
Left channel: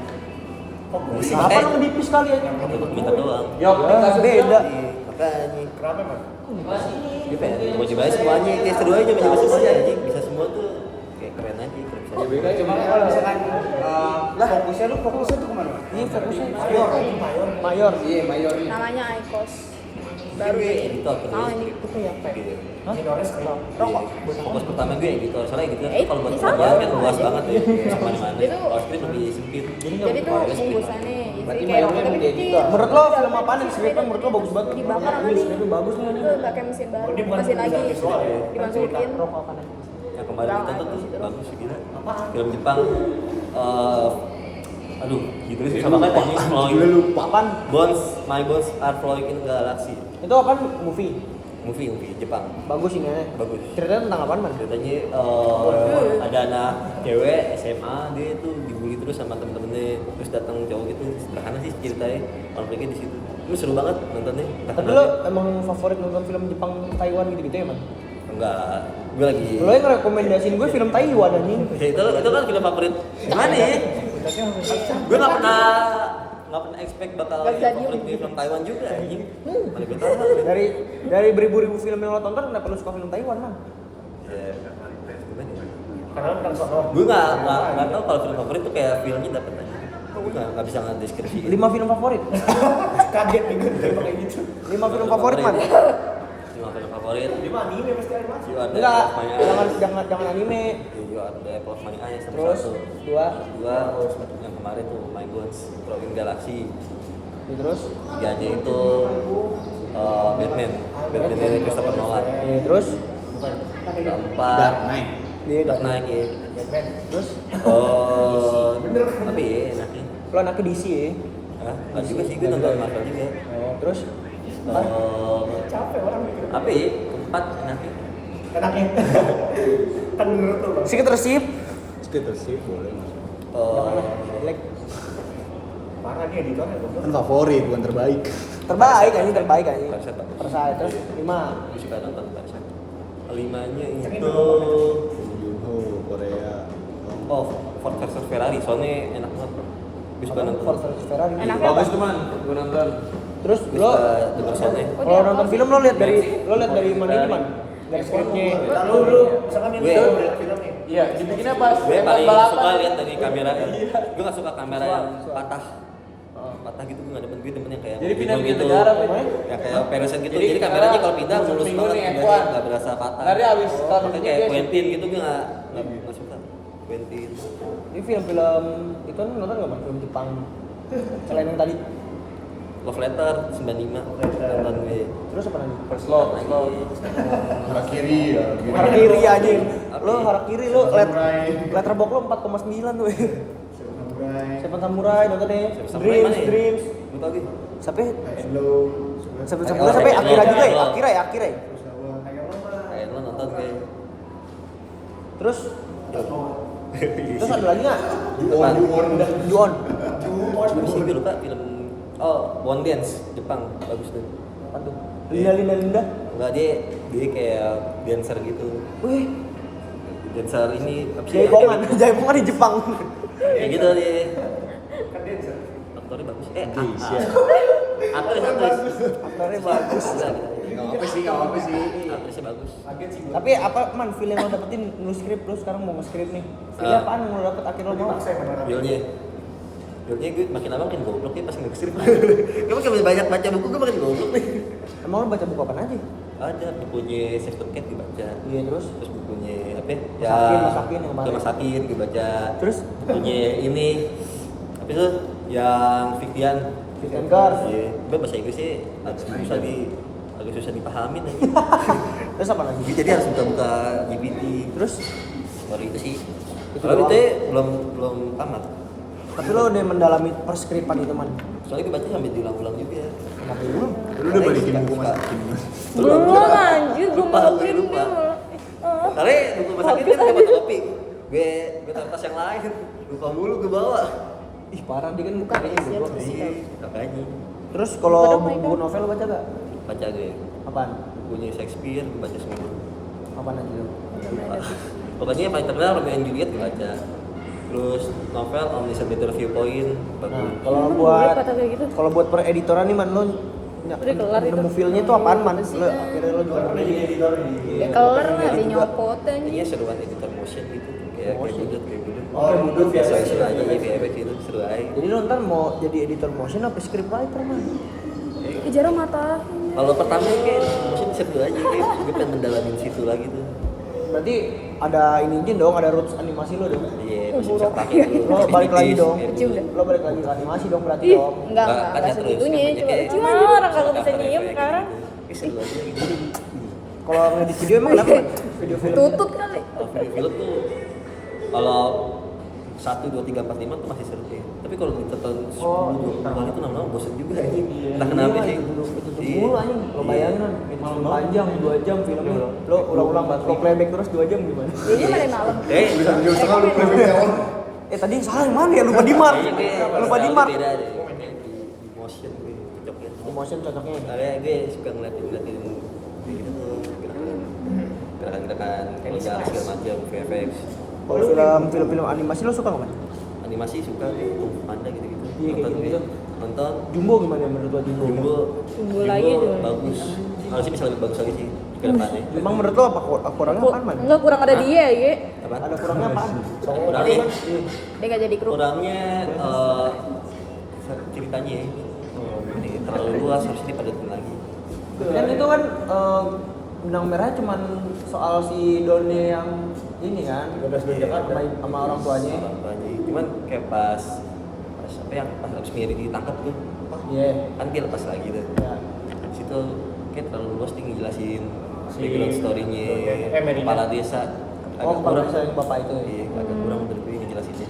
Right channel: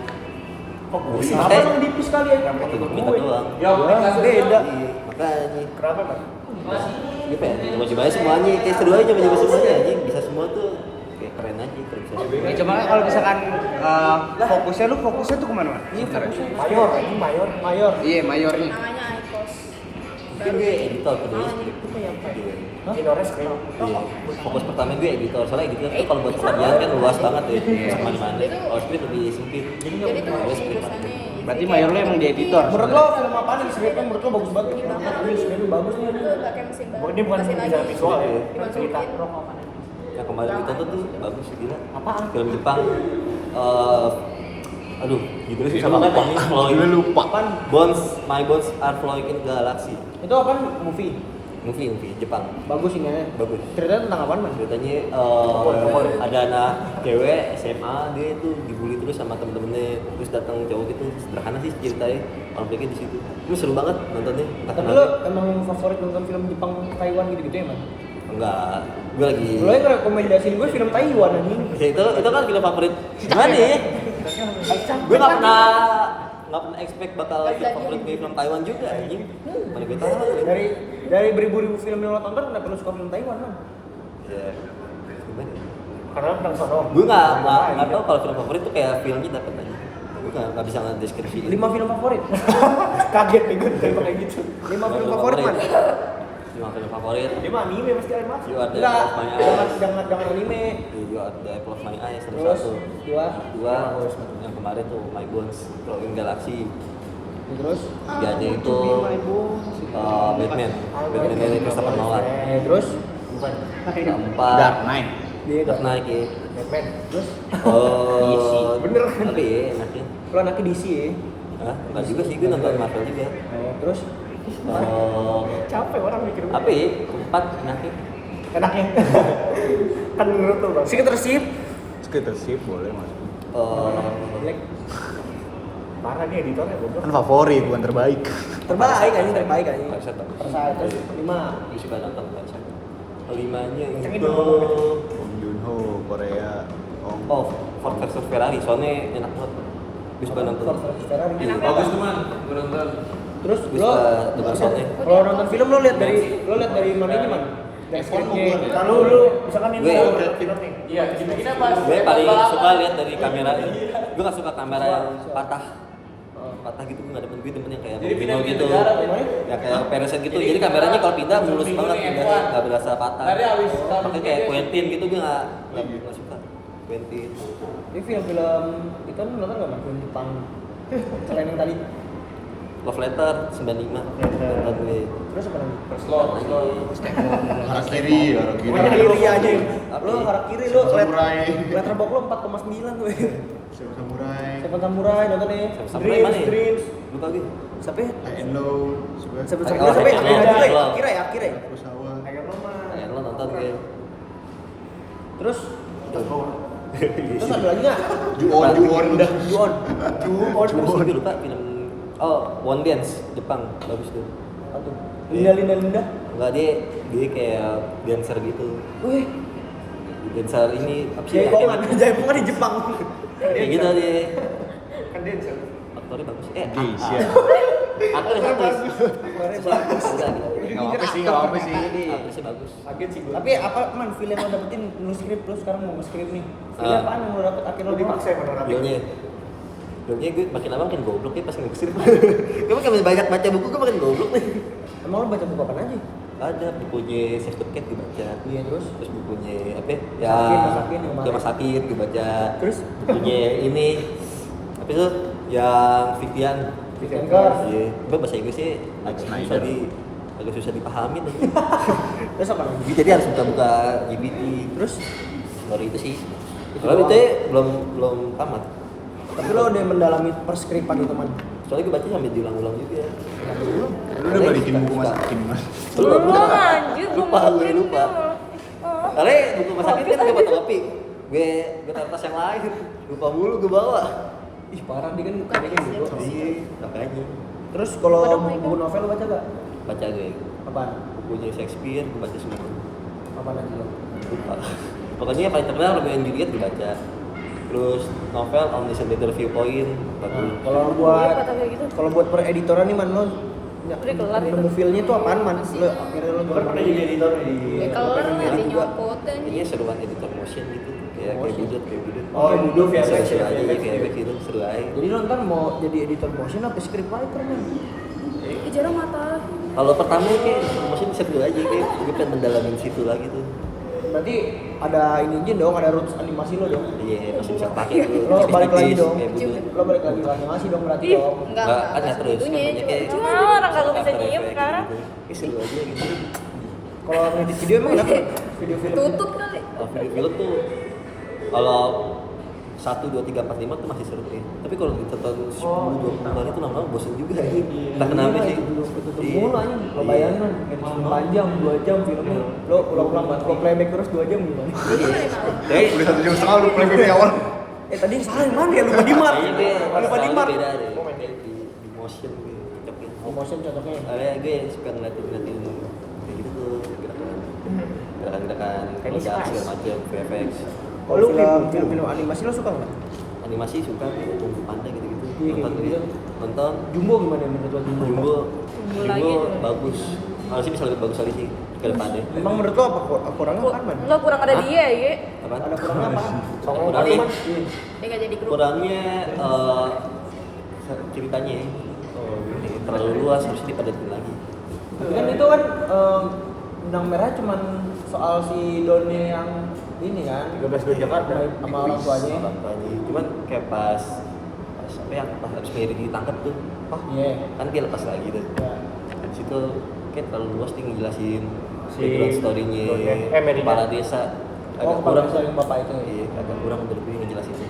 Kenapa lo ngedipis sekali ya? Waktu dokumentar doang. Ya, beda. Iya, makanya. Kenapa kan? Dia pengen mau coba aja semuanya, kayak seru aja mau coba semuanya anjing. Bisa semua tuh kayak keren aja kalau bisa semua. Ya, cuma kalau misalkan fokusnya tuh kemana? Iya fokusnya skrip. Mayor. Iya, mayornya. Namanya Icos. Mungkin gue editor kedua skrip. Gitu. Hah? Iya. Fokus pertama gue editor. Soalnya editor tuh kalau buat pekerjaan kan luas banget ya, bisa kemana-mana. Kalau skrip lebih sempit. Jadi tuh Gue skrip aja. urusannya. Berarti mayornya emang di editor. Menurut lo film apaan yang skripnya menurut lo bagus banget? Mantap, ini skripnya bagus nih. Pakai mesin baru. Mesin lagi. Dimasukin. Yang kemarin ditonton tuh bagus sih gila. Film Jepang. Aduh, gitu sih sama banget ini. Gue lupa. Apaan? My Bones Are Flowing in Galaxy. Itu apaan? Movie. Movie Jepang. Bagus ini ya. Bagus. Ceritanya tentang apaan man? Ceritanya ada anak cewek SMA, dia tuh dibully terus sama temen-temennya, terus datang cowok gitu. Sederhana sih ceritanya, konfliknya di situ. Itu seru banget nontonnya. Tapi lo emang favorit nonton film Jepang Taiwan gitu-gitu ya man? Enggak, gue lagi. Lo yang ngerekomendasiin gue film Taiwan anjing. Ya itu kan film favorit. Gimana ya? Gue nggak pernah expect bakal film favorit gue film Taiwan juga anjing. Mana gue tahu. Dari beribu-ribu film yang lo tonton kenapa lo suka film Taiwan man? Ya, gimana ya? Gue nggak tahu kalau film favorit tuh kayak filmnya dapat aja. Gue nggak bisa ngedeskripsi. 5 film favorit. Kaget nih gue kayak gitu. 5 film favorit man. 5 film favorit. 5 anime pasti animasi. You are the Enggak, apple of my eyes. jangan anime. You are the apple of my eyes sama Terus, satu. dua. Terus yang kemarin tuh My Bones Flowing Galaxy. Terus, Tiganya itu Batman dari Christopher Nolan. terus, Keempat Dark Knight. dia Dark Knight ya. Terus, Apa ya enaknya? lo anaknya DC ya? Hah? Enggak juga sih, gue nonton Marvel juga. Oh, terus, Apa ya? Keempat enaknya? Secret Receipt. Sih boleh mas. Black. Kan favorit, bukan terbaik. Terbaik anjing. Parasite bagus. Parasite. Terus 5. Gue suka nonton Parasite. Kelimanya itu Bong Joon-ho, Korea. Oh, Ford versus Ferrari, soalnya enak banget. Gue suka nonton. Ford versus Ferrari. Bagus tuh man, gue nonton. Terus Gue lo suka denger soundnya. kalau nonton film lo lihat dari mana ini man? Dari skripnya. Gue paling suka lihat dari kamera. Gue gak suka kamera yang patah gitu, gue gak demen yang kayak Bobino gitu, ya kayak Pearson gitu. Jadi kameranya kalau pindah mulus banget, pindahnya nggak berasa patah. Makanya kayak Quentin gitu gue nggak suka. Quentin. Ini film-film itu nonton nggak man? Film Jepang. Selain yang tadi. Love Letter 95 nonton gue. Terus apa lagi? Harakiri. Harakiri aja. Apa Lo ya? Harakiri lo Samurai. letterbox lo 4,9 tuh. Seven Samurai nonton nih. Samurai mana ya? Dreams. Lupa gue. Sampai High and Low, Seven Oh, Samurai sampai High and Akira Low, juga High and ya? Low. Akira ya? Kurosawa. Kayak lo nonton gue. Terus ada lagi nggak? Apaan? Ju-on. Terus gue lupa film One Dance Jepang bagus tuh. Apa tuh? Linda. Enggak, dia kayak dancer gitu. Wih, Dancer ini apa sih? jaipongan. Jaipongan di Jepang. Kayak gitu dia. Aktornya bagus. Aktris. Aktornya bagus. Enggak, Nggak apa sih. aktrisnya bagus. Tapi apa man film yang lo dapetin nulis skrip lu sekarang mau nge-skrip nih? Film apaan yang lo dapet akhirnya lo mau? Filmnya gue makin lama makin goblok ya pas nge-skrip. Gue makin banyak baca buku gue makin goblok nih. Emang lo baca buku apa aja? Ada bukunya Save the Cat dibaca. Iya terus? Terus bukunya apa? Masakin yang kemarin. Masakin gue baca. Terus? Bukunya ini apa itu yang Victian. Victian Girls. Iya, gue bahasa Inggrisnya agak susah dipahamin aja. Terus apa lagi? Jadi harus buka GPT. Terus? Baru itu sih. Itu Kalau doang. itu belum tamat. Tapi lo udah mendalami perskripan itu man? Soalnya gue baca sampai diulang-ulang juga. Sampai ulang? Lu udah balikin buku Masakin mas? Belum, Belum, anjir, belum. lupa. Karena buku masakin kan gue fotokopi. Gue taruh tas yang lain. Lupa mulu gue bawa. Ih parah dia kan kayaknya bego. Iya, makanya. Terus kalau buku novel lo baca gak? Baca gue. Apaan? Bukunya Shakespeare gue baca semua. Apaan aja lo? Lupa. Pokoknya yang paling terkenal Romeo and Juliet gue baca. Terus novel Omniscient Little Viewpoint bagus. Nah, kalau buat per editoran nih man lo Udah kelar nemu feelnya tuh apaan man? Lo akhirnya lo juga Ya kalau pengen nggak lihat juga. nyopot Kayaknya seruan editor motion gitu. Kayak budut. Oke budut ya. Seru aja ya kayak gitu seru aja. Jadi lo ntar mau jadi editor motion apa scriptwriter man? jarang matahin. Kalau pertama kayak editor motion seru aja kayak gue pengen mendalamin situ lagi tuh. Berarti ada ini aja dong, ada roots animasi lo dong. Iya, masih bisa pakai tuh. Lo balik lagi dong. Kayak budut. Lo balik lagi ke animasi dong berarti dong. Enggak, kan ya terus kan banyak kayak Cuma orang kalau bisa After diem Effects sekarang gitu. Kayak seru aja gitu. Kalau ngedit video emang kenapa man? Video film. tutut kali. Kalau video-film tuh kalau 1, 2, 3, 4, 5 tuh masih seru ya. Tapi kalau ditonton 10, 20 kali tuh lama-lama bosen juga ya. Entah kenapa sih. Tutup mulu aja. Lo bayangin man, edit film panjang 2 jam filmnya. Lo ulang-ulang lo playback terus 2 jam gimana? Iya. Udah 1 jam setengah lu playback di awal. Tadi yang salah yang mana ya? Lupa di mark. Kayaknya gue Lupa di style mark. beda deh. Di motion gue cocoknya. Motion cocoknya. Karena gue suka ngeliatin kayak gitu tuh gerakan-gerakan kelihatan segala macam VFX. Kalau film animasi lo suka nggak man? Animasi suka kayak Kung Fu Panda gitu-gitu. Iya, kayak Nonton gitu. gue. Nonton Jumbo gimana menurut lo Jumbo? Jumbo bagus. Harusnya bisa lebih bagus lagi sih ke depannya. Emang menurut lo apa kurangnya apaan man? Enggak kurang ada Hah? dia ya. Apaan? Ada kurangnya apaan? Ada kurangnya. Dia nggak jadi grup. Kurangnya ceritanya ya. Ini terlalu luas harusnya dipadatin lagi. Tapi kan itu kan benang merah cuman soal si Donnya yang ini kan sama orang tuanya. Orang tuanya. Cuman kayak pas apa yang pas habis Mary ditangkap tuh. Iya. Kan dia lepas lagi tuh. Ya. Di situ kayak terlalu luas dia ngejelasin background story-nya kepala desa. Oh, kepala desa yang bapak itu. Iya, agak kurang menurut gue ngejelasinnya.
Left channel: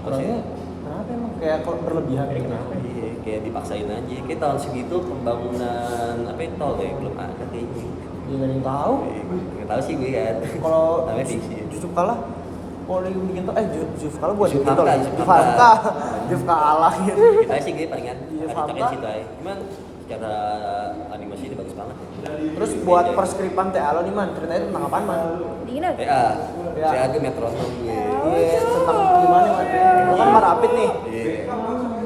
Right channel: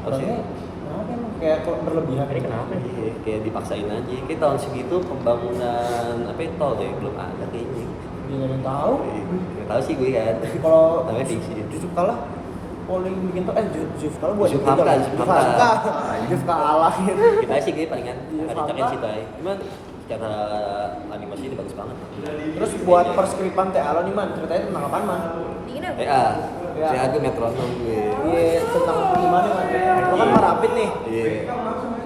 Kurangnya kenapa emang kayak kok berlebihan gitu? Iya, kayak dipaksain aja. Kayak tahun segitu pembangunan apa itu tol deh belum ada kayaknya. Dia nggak ada yang tahu. Nggak tahu sih gue kan. Kalau namanya fiksi ya. Yusuf Kala kalau yang bikin tol Yusuf Kala buat Yusuf bikin tol. Hamka, Yusuf Hamka. Yusuf Kala gitu. Kita sih gue palingan Iya, ada cokin Hamka. situ aja. Cuman secara animasi ini bagus banget. Terus buat perskripan TA lo nih man, ceritanya tentang apaan man? Dingin apa? TA, Ya. saya gue metronom gue. Iya, tentang gimana man? Lo kan marapit nih. Iya.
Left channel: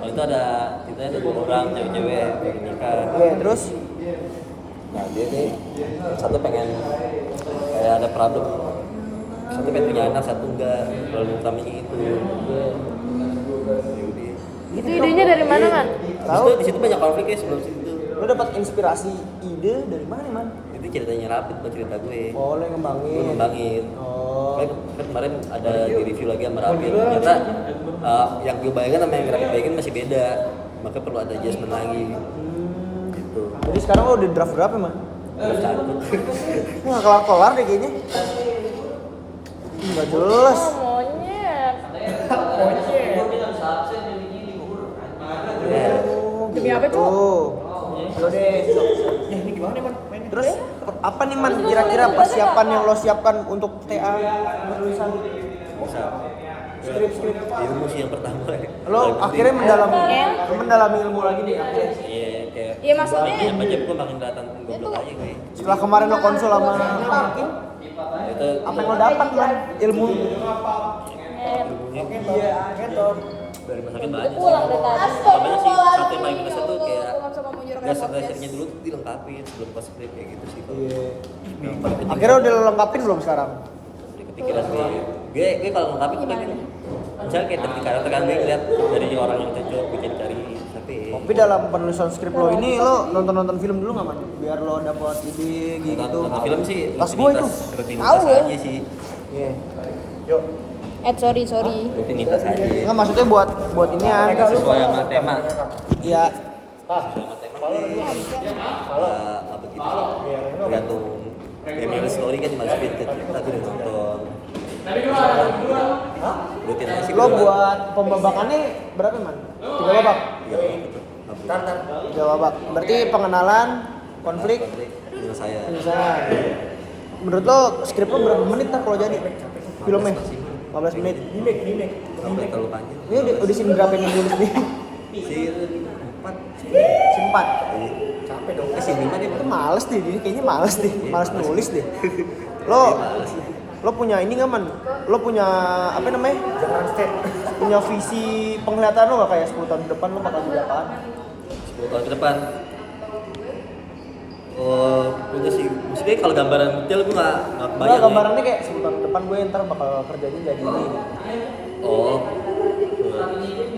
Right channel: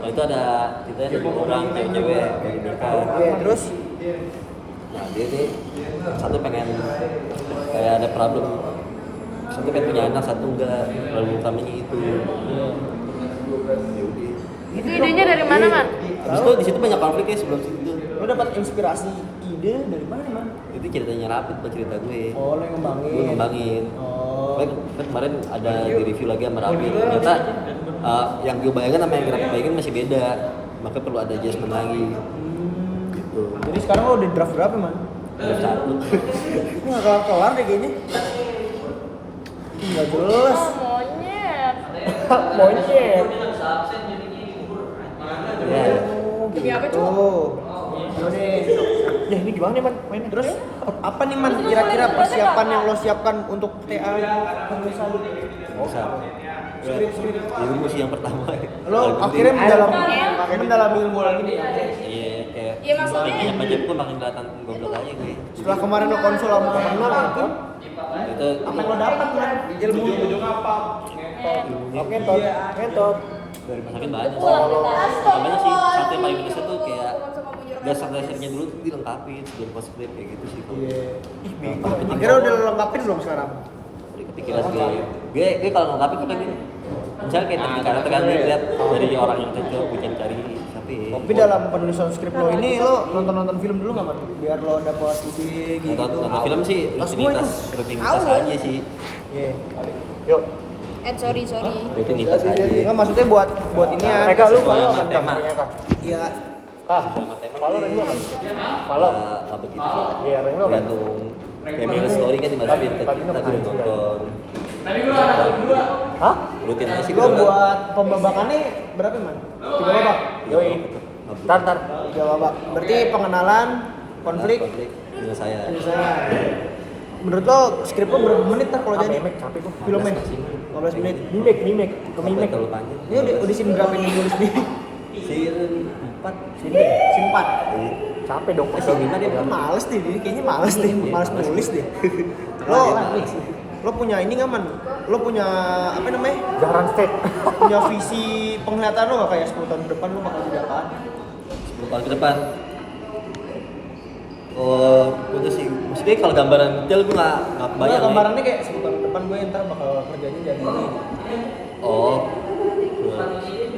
Oh itu ada ceritanya ada 2 orang cewek-cewek baru nikah. Iya, terus Nah dia nih yang satu pengen kayak ada problem, satu pengen punya anak, satu enggak. Problem utamanya itu. iya. Ya udah. Gitu Itu dong. idenya dari mana kan? Habis itu di situ banyak konflik ya sebelum situ. Lo dapat inspirasi ide dari mana man? Itu ceritanya Rapid, bukan cerita gue. Oh, lo yang ngembangin. Gue ngembangin. Oh. Kan kemarin ada di review lagi sama Rapid. Ternyata yang gue bayangin sama yang Rapid bayangin masih beda. Maka perlu ada adjustment lagi. Gitu. Jadi sekarang lo udah draft berapa man? Belum satu. Ini nggak kelar-kelar deh kayaknya. Nggak jelas. Monyet. Ya. Oh, Demi apa, gitu. Yaudah. Ya ini gimana nih man mainnya? Terus apa nih man kira-kira persiapan yang lo siapkan untuk TA penulisan Bisa. skrip? Ilmu sih yang pertama. Lo Paling akhirnya penting. mendalami ilmu lagi nih akhirnya. Iya, kayak Iya, maksudnya- banyak baca pun makin kelihatan goblok aja gue. Setelah kemarin lo konsul sama Itu apa yang lo dapat man ilmu ilmunya dari masakin banyak sih. Utamanya sih sate paling minusnya tuh kayak dasar-dasarnya dulu tuh dilengkapin sebelum pas skrip kayak gitu sih. Iya. Yang paling penting Akhirnya udah lo lengkapin belum sekarang? kepikiran sih. Gue kalau ngelengkapin tuh kan misalnya kayak teknik karakter kan lihat dari orang yang cocok gue cari tapi Dalam penulisan skrip lo ini lo nonton film dulu nggak man? Biar lo dapat ide gitu. nonton film sih Tas gua itu. rutinitas Tahu. aja sih. Iya. Sorry. Rutinitas aja. Enggak maksudnya buat ini ya. Sesuai sama tema. Iya. Sama tema nggak begitu sih. Tergantung family story kan dimasukin ke kita tapi udah nonton. Hah? Rutin aja sih. Lo buat pembabakannya berapa man? 3 babak. Iya. 3 babak. Berarti pengenalan, konflik, penyelesaian. misalnya. Menurut lo skrip lo berapa menit kalau jadi filmnya? 15 menit. Mimik. Sampai terlalu panjang. Ini udah scene berapa yang nulis nih? Scene 4 sih. Scene 4. Capek dong. Scene 5 dia Males deh, ini kayaknya males deh, Iya, males males. nulis deh. Lo punya ini nggak man? Lo punya apa namanya? Jangan state. Punya visi penglihatan lo nggak kayak 10 tahun ke depan lo bakal jadi apaan? 10 tahun ke depan. Oh, punya sih. Maksudnya kalau gambaran detail gue nggak Nah, bayang. gambarannya kayak 10 tahun ke depan gue ntar bakal kerjanya jadi ini. Oh,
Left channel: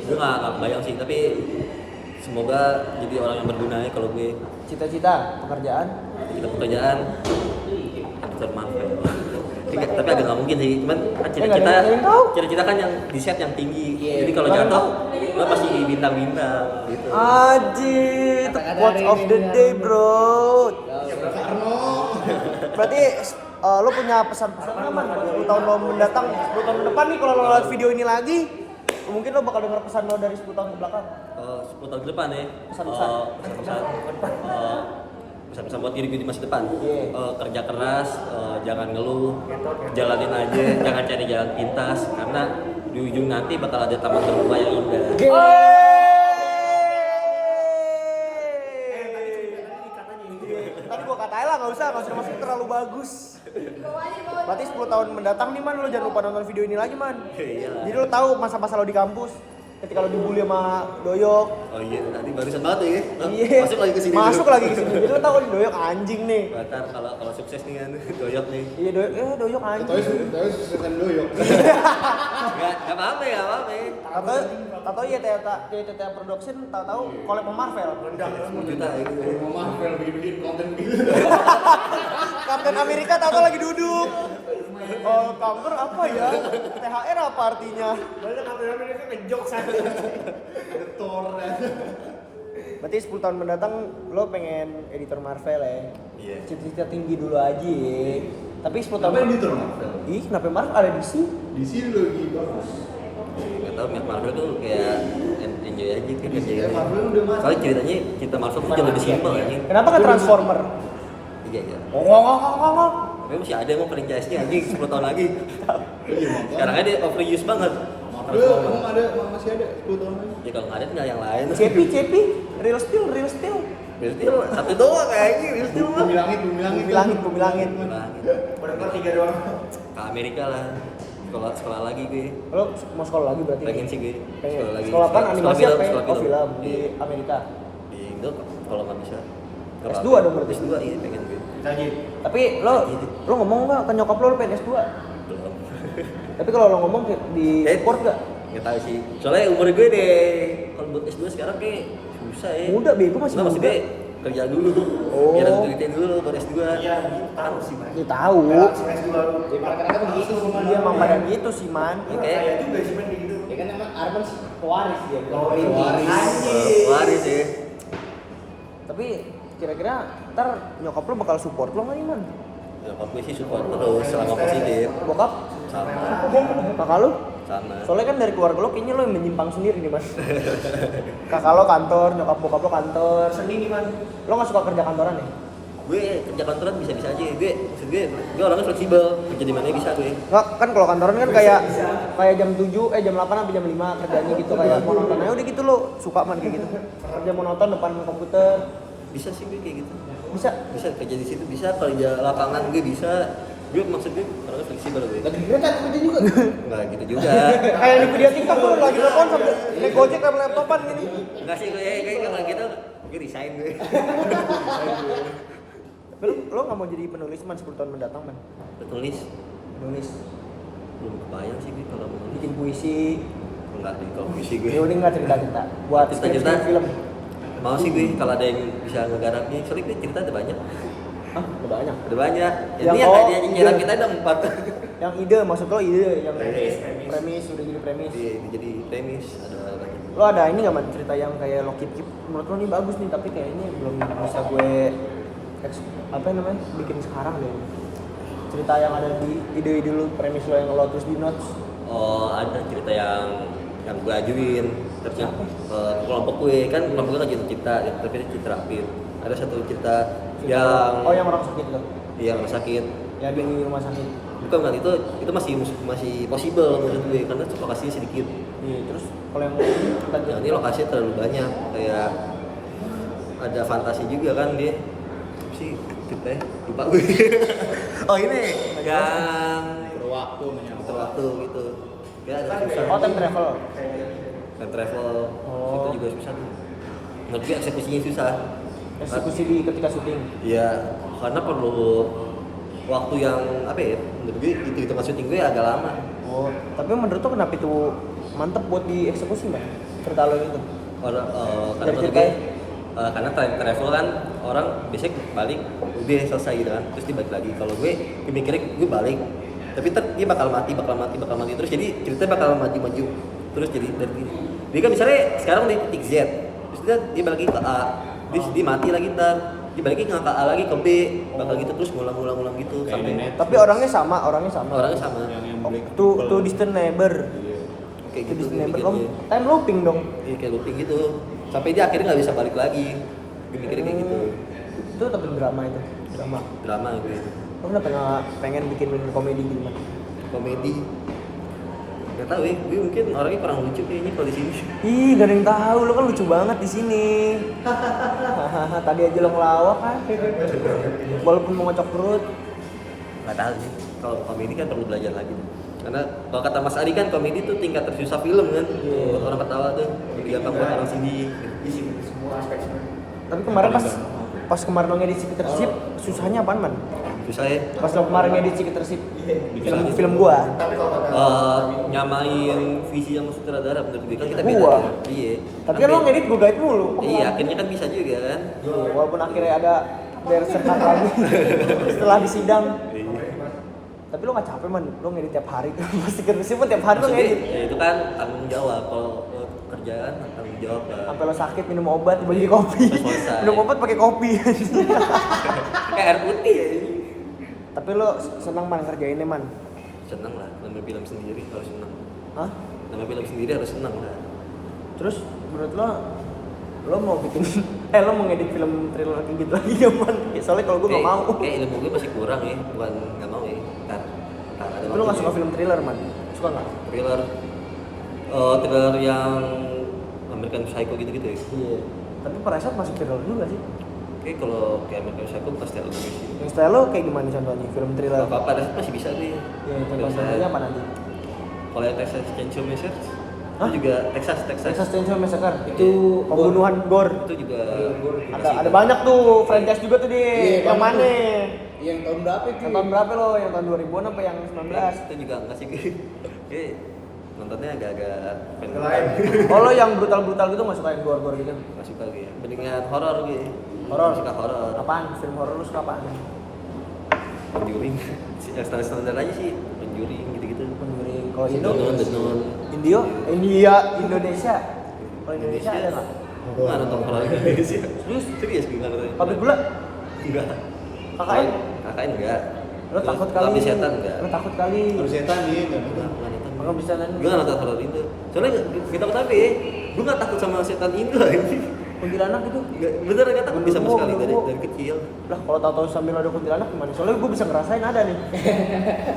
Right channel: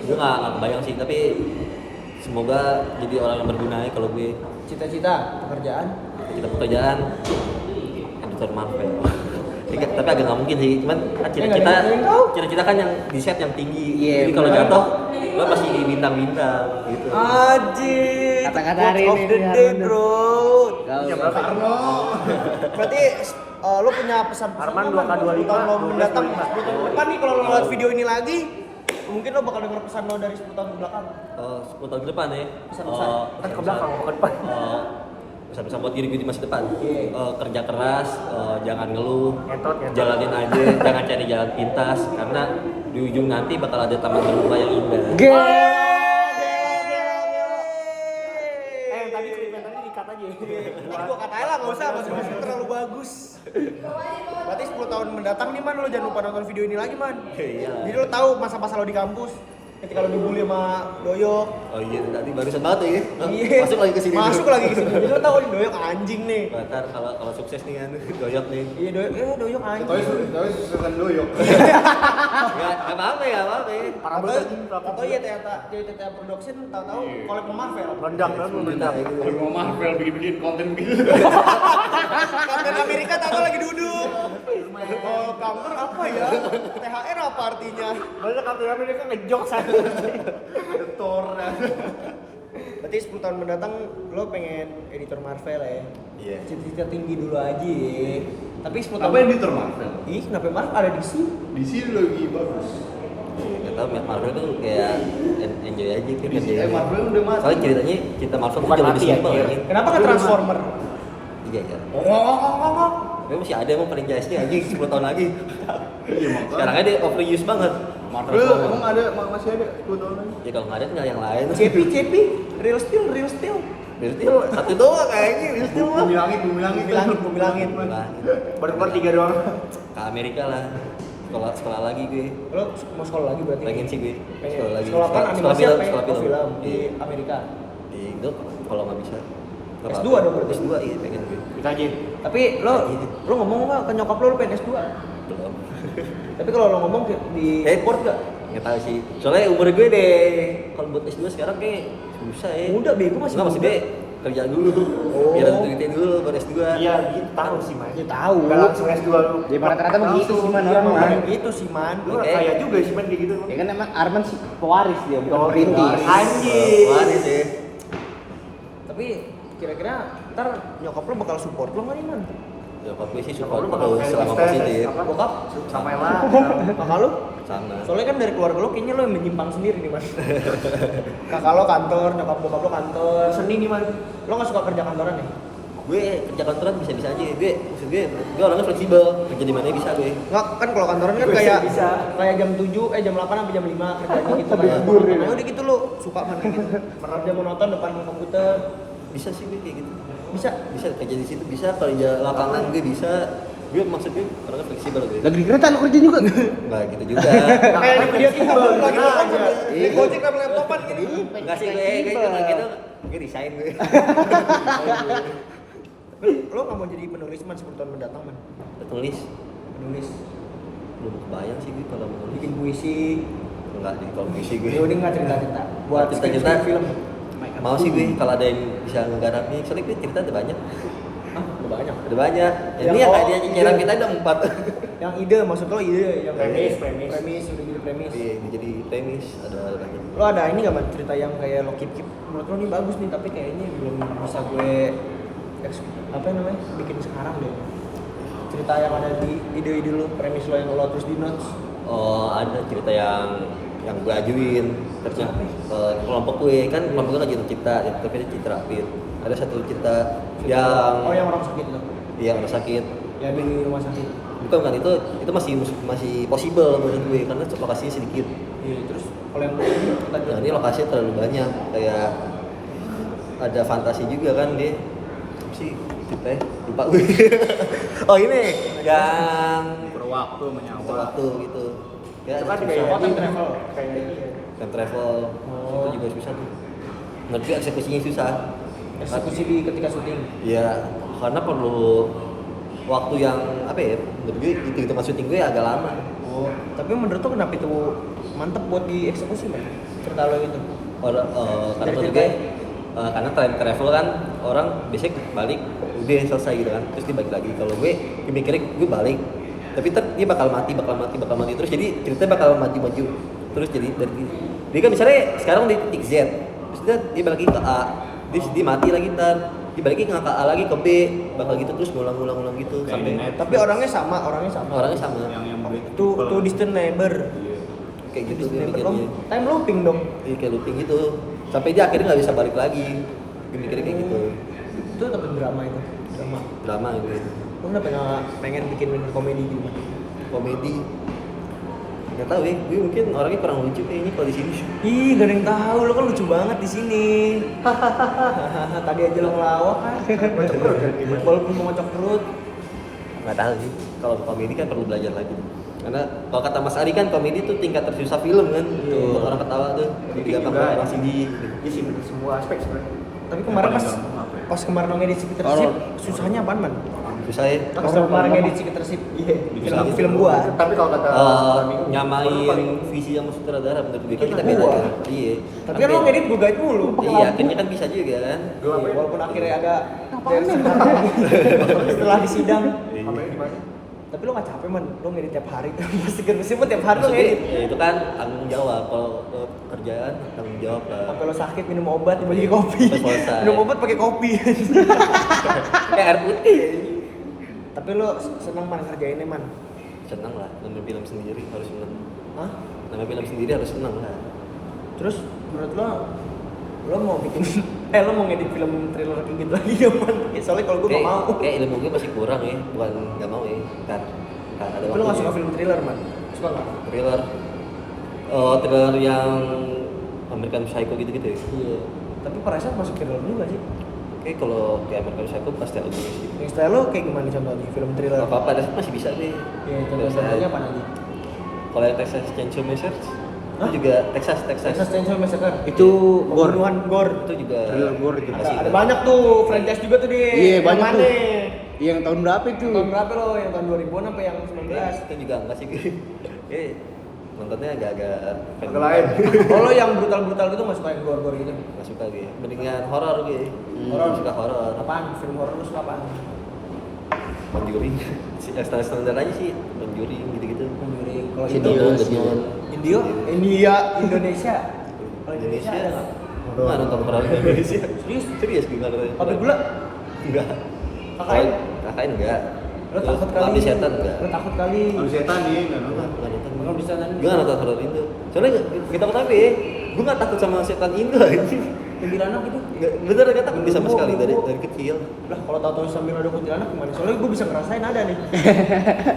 gue nggak bayang sih. Tapi semoga jadi orang yang berguna ya kalau gue. Cita-cita, pekerjaan. Kita pekerjaan editor Marvel. Tapi agak nggak mungkin sih. Cuman kan cita-cita kan yang di set yang tinggi. Jadi kalau jatuh, lo pasti di bintang-bintang gitu. Aji, itu quote of the day bro. Berarti lo punya pesan-pesan nggak man? 10 tahun lo mendatang, 10 tahun ke depan nih kalau lo ngeliat video ini lagi, mungkin lo bakal denger pesan lo dari 10 tahun ke belakang. 10 tahun ke depan ya. Pesan-pesan. Pesan-pesan buat diri gue di masa depan. Iya. Kerja keras, jangan ngeluh, jalanin aja, jangan cari jalan pintas karena di ujung nanti bakal ada taman berbunga yang indah. Tadi gua katain lah, nggak usah terlalu bagus. Berarti 10 tahun mendatang nih man, lo jangan lupa nonton video ini lagi man. Iya. Jadi lo tahu masa-masa lo di kampus, ketika lo dibully sama Doyok. Oh iya, tadi barusan banget ya. Iya. Masuk lagi ke sini. Masuk lagi ke sini. Jadi lo tahu nih Doyok anjing nih. Batar kalau sukses nih kan, doyok nih. Iya Doyok anjing. Tahu susukan doyok. Enggak apa-apa ya, apa-apa. Tahu ya TTA Production tahu collab sama Marvel. 10 juta ya gitu. Mau Marvel bikin konten begitu. Kapten Amerika tahu lagi duduk. Oh, kanker apa ya? THR apa artinya? Malah Kapten Amerika ngejok sana. Thor. Berarti 10 tahun mendatang lo pengen editor Marvel ya? Iya. Cita-cita tinggi dulu aja ya. Tapi 10 tahun Apa editor Marvel? Ih, kenapa Marvel ada di sini? Di sini lagi bagus. Gak tau, Marvel tuh kayak enjoy aja kan kerjanya. Marvel udah masuk. Soalnya ceritanya cerita Marvel tuh jauh lebih simpel ya. Kenapa nggak Transformer? Iya ya. Ngomong. Tapi masih ada emang franchise-nya anjing 10 tahun lagi. Iya, Sekarang aja dia overuse banget. Marvel emang ada masih ada 10 tahun lagi. Ya kalau nggak ada tinggal yang lain. Cepi, Real Steel. Berarti lo satu doang kayaknya, berarti lo mah. Bumi langit. Bumi langit. Berdepan 3 doang. Ke Amerika lah. Sekolah lagi gue. Lo mau sekolah lagi berarti? Pengen sih gue. Sekolah lagi. Sekolah apa? Animasi apa? Sekolah Oh, film di Iya. Amerika. Di Indo kalau nggak bisa. Nggak S2 apa-apa. dong berarti? S2 iya pengen gue. Kita aja. Tapi lo ngomong nggak ke nyokap lo pengen S2? Belum. Tapi kalau lo ngomong di support nggak? Nggak tahu sih. Soalnya umur gue deh. Kalau buat S2 sekarang kayak susah ya. Muda, bego, masih Nggak, maksud muda. gue kerja dulu tuh. Oh. Biar ada duitnya dulu buat S2. Iya, gitu tahu sih, Mas. Ya tahu. Langsung S2 lu. Ya ternyata begitu sih man. Iya emang pada gitu sih man. Kayak juga sih man kayak gitu. Ya kan emang Arman sih pewaris dia, bukan Pewaris. perintis. Anjing. Waris ya. Tapi kira-kira ntar nyokap lo bakal support lo nggak nih man? Nyokap gue sih support terus selama positif. Bokap? Sama. Kakak lu? Sama. Soalnya kan dari keluarga lo kayaknya lo yang menyimpang sendiri nih mas. Kakak lo kantor, nyokap bokap lo kantor. Seni nih mas. Lo nggak suka kerja kantoran nih? Gue kerja kantoran bisa-bisa aja. Maksud gue orangnya fleksibel. Kerja di mana bisa gue. Nggak, kan kalau kantoran kan kayak jam 7, jam 8 sampai jam 5 kerjanya gitu kayak monoton. Nah udah gitu lo suka man kayak gitu. Kerja monoton depan komputer. Bisa sih gue kayak gitu. Bisa? Bisa kerja di situ bisa. Kalau di lapangan gue bisa. Gue maksud gue orangnya fleksibel gue. Lagi di kereta lu kerja juga. Nggak gitu juga. Kayak di video TikTok tuh lagi telepon sambil naik gojek sama laptopan gini. Nggak sih gue kayak gitu. Gue resign gue. Lo nggak mau jadi penulis man 10 tahun mendatang man? Penulis. Belum kebayang sih gue kalau mau Bikin puisi. enggak di kalau puisi gue. Ya udah nggak cerita-cerita. Buat Cerita-cerita. film. Mau sih gue kalau ada yang bisa ngegarapnya. Soalnya gue cerita ada banyak. Hah? Udah banyak. Ada banyak. Yang Ini yang kayak oh, dia nyerang ide. kita ada 4. Yang ide maksud lo ide yang Premis. udah jadi premis. Iya, jadi premis ada banyak. Lo ada ini nggak man cerita yang kayak lo keep menurut lo nih bagus nih tapi kayak ini belum bisa gue apa namanya bikin sekarang deh. Cerita yang ada di ide-ide lo, premis lo yang lo terus di notes. Oh, ada cerita yang gue ajuin terus kelompok gue kan kelompok gue lagi cipta ya tapi diterapin ada satu cerita yang yang orang sakit itu. yang sakit Ya di rumah sakit. bukan kan itu masih possible menurut gue karena lokasinya sedikit. Iya, terus kalau yang ini kita Nah, ini lokasinya terlalu banyak kayak ada fantasi juga kan dia apa sih kita lupa gue. Oh ini yang Berwaktu menyawa. waktu gitu kayak ada susah. Oh, time travel. Time travel Oh. itu juga susah tuh ngerti eksekusinya susah. Eksekusi di ketika syuting. Iya karena perlu waktu yang apa ya menurut gue itu syuting gue agak lama. Oh, tapi menurut lo kenapa itu mantep buat dieksekusi man? Cerita lo itu. Karena Dari menurut gue karena time travel kan orang biasanya balik udah selesai gitu kan terus dia balik lagi. Kalau gue mikirnya gue balik tapi dia bakal mati terus jadi ceritanya bakal maju terus jadi dari dia kan misalnya sekarang di titik Z terus dia balik lagi ke A terus dia mati lagi ntar dia balik lagi ke A lagi ke B bakal gitu terus ngulang gitu sampai Tapi orangnya sama. orangnya sama Yang Oh, black tuh distant neighbor. kayak gitu Distant gue neighbor. mikirnya. Time looping dong. Iya kayak looping gitu sampai dia akhirnya nggak bisa balik lagi gue mikirnya kayak gitu Itu tapi drama itu. drama gitu Lo kenapa nggak pengen bikin komedi gitu man? komedi nggak tahu ya gue mungkin orangnya kurang lucu kayaknya kalau di sini. Ih, gak ada yang tahu. Lo kan lucu banget di sini. Tadi aja lo ngelawak kan. Walaupun mau ngocok perut. Nggak tahu sih kalau komedi kan perlu belajar lagi karena kalau kata Mas Ari kan komedi tuh tingkat tersusah film kan buat orang ketawa tuh lebih gampang buat orang sedih gitu. Tapi kemarin pas kemarin lo ngedit Ciketersip, susahnya apaan man? Susah ya Pas lo kemarin ngedit Ciketersip, film gua. nyamain visi yang sutradara menurut gue kan kita beda Gua. kan? Iya Tapi kan lo ngedit gua guide mulu. iya akhirnya kan bisa juga kan Walaupun akhirnya ada versi lagi setelah disidang. Tapi lo gak capek man, lo ngedit tiap hari. Pasti kan pun tiap hari lo maksudnya ngedit. ya itu kan tanggung jawab kalau kerjaan tanggung jawab lah Sampai lo sakit minum obat dibagi kopi. Sampai selesai. Minum obat pakai kopi. kayak air putih ya ini. Tapi lo seneng man kerja ini man. Senang lah ngambil film sendiri harus senang Hah? ngambil film sendiri harus senang lah. Terus menurut lo mau bikin lo mau ngedit film thriller kayak gitu lagi gak man? Soalnya kalau gue gak mau. Kayak ilmu gue masih kurang ya, bukan nggak mau ya. Kan ada Tapi lo gak suka film thriller man? Suka gak? thriller. Thriller yang American Psycho gitu-gitu ya. Iya. Tapi Parasite masuk thriller juga sih. Oke, kalau kayak American Psycho pasti ada gitu. Yang style lo kayak gimana contohnya film thriller? Apa-apa ada masih bisa gue. Ya contohnya apa nanti? Kalau yang Texas Chainsaw Massacre Hah? itu juga Texas. Texas Chainsaw Massacre. Itu Pembunuhan gore. Itu juga Ada banyak tuh franchise juga tuh di Iya, yang banyak mana? tuh. Yang tahun berapa itu? Yang tahun berapa lo? Yang tahun 2000-an apa yang 19? Itu juga enggak sih gue. Nontonnya agak-agak Oh lo yang brutal-brutal gitu gak suka yang gore-gore gitu? nggak suka gue. Mendingan horor gue. Horor? Suka horor. Apaan? Film horor lo suka apaan? Conjuring. Standar aja sih. Conjuring gitu-gitu. Conjuring. Kalau Si itu? The Nun. Indonesia. Kalau Indonesia ada nggak? Nggak nonton horor Indonesia. Serius? Serius gue nggak nonton. Pabrik gula? Enggak. KKN? KKN enggak. Lo takut kali. Abdi setan enggak. Lo takut kali. Abis setan nih nggak nonton. Enggak nonton. Makanya bisa nanya. Gue nggak nonton horor Indo. Soalnya kita takut apa ya? Gue nggak takut sama setan Indo anjing. Kuntilanak itu. Bener nggak takut bisa sama Genderuwo, sekali dari genderuwo. kecil. Lah kalau tahu-tahu sambil ada kuntilanak gimana? Soalnya gue bisa ngerasain ada nih.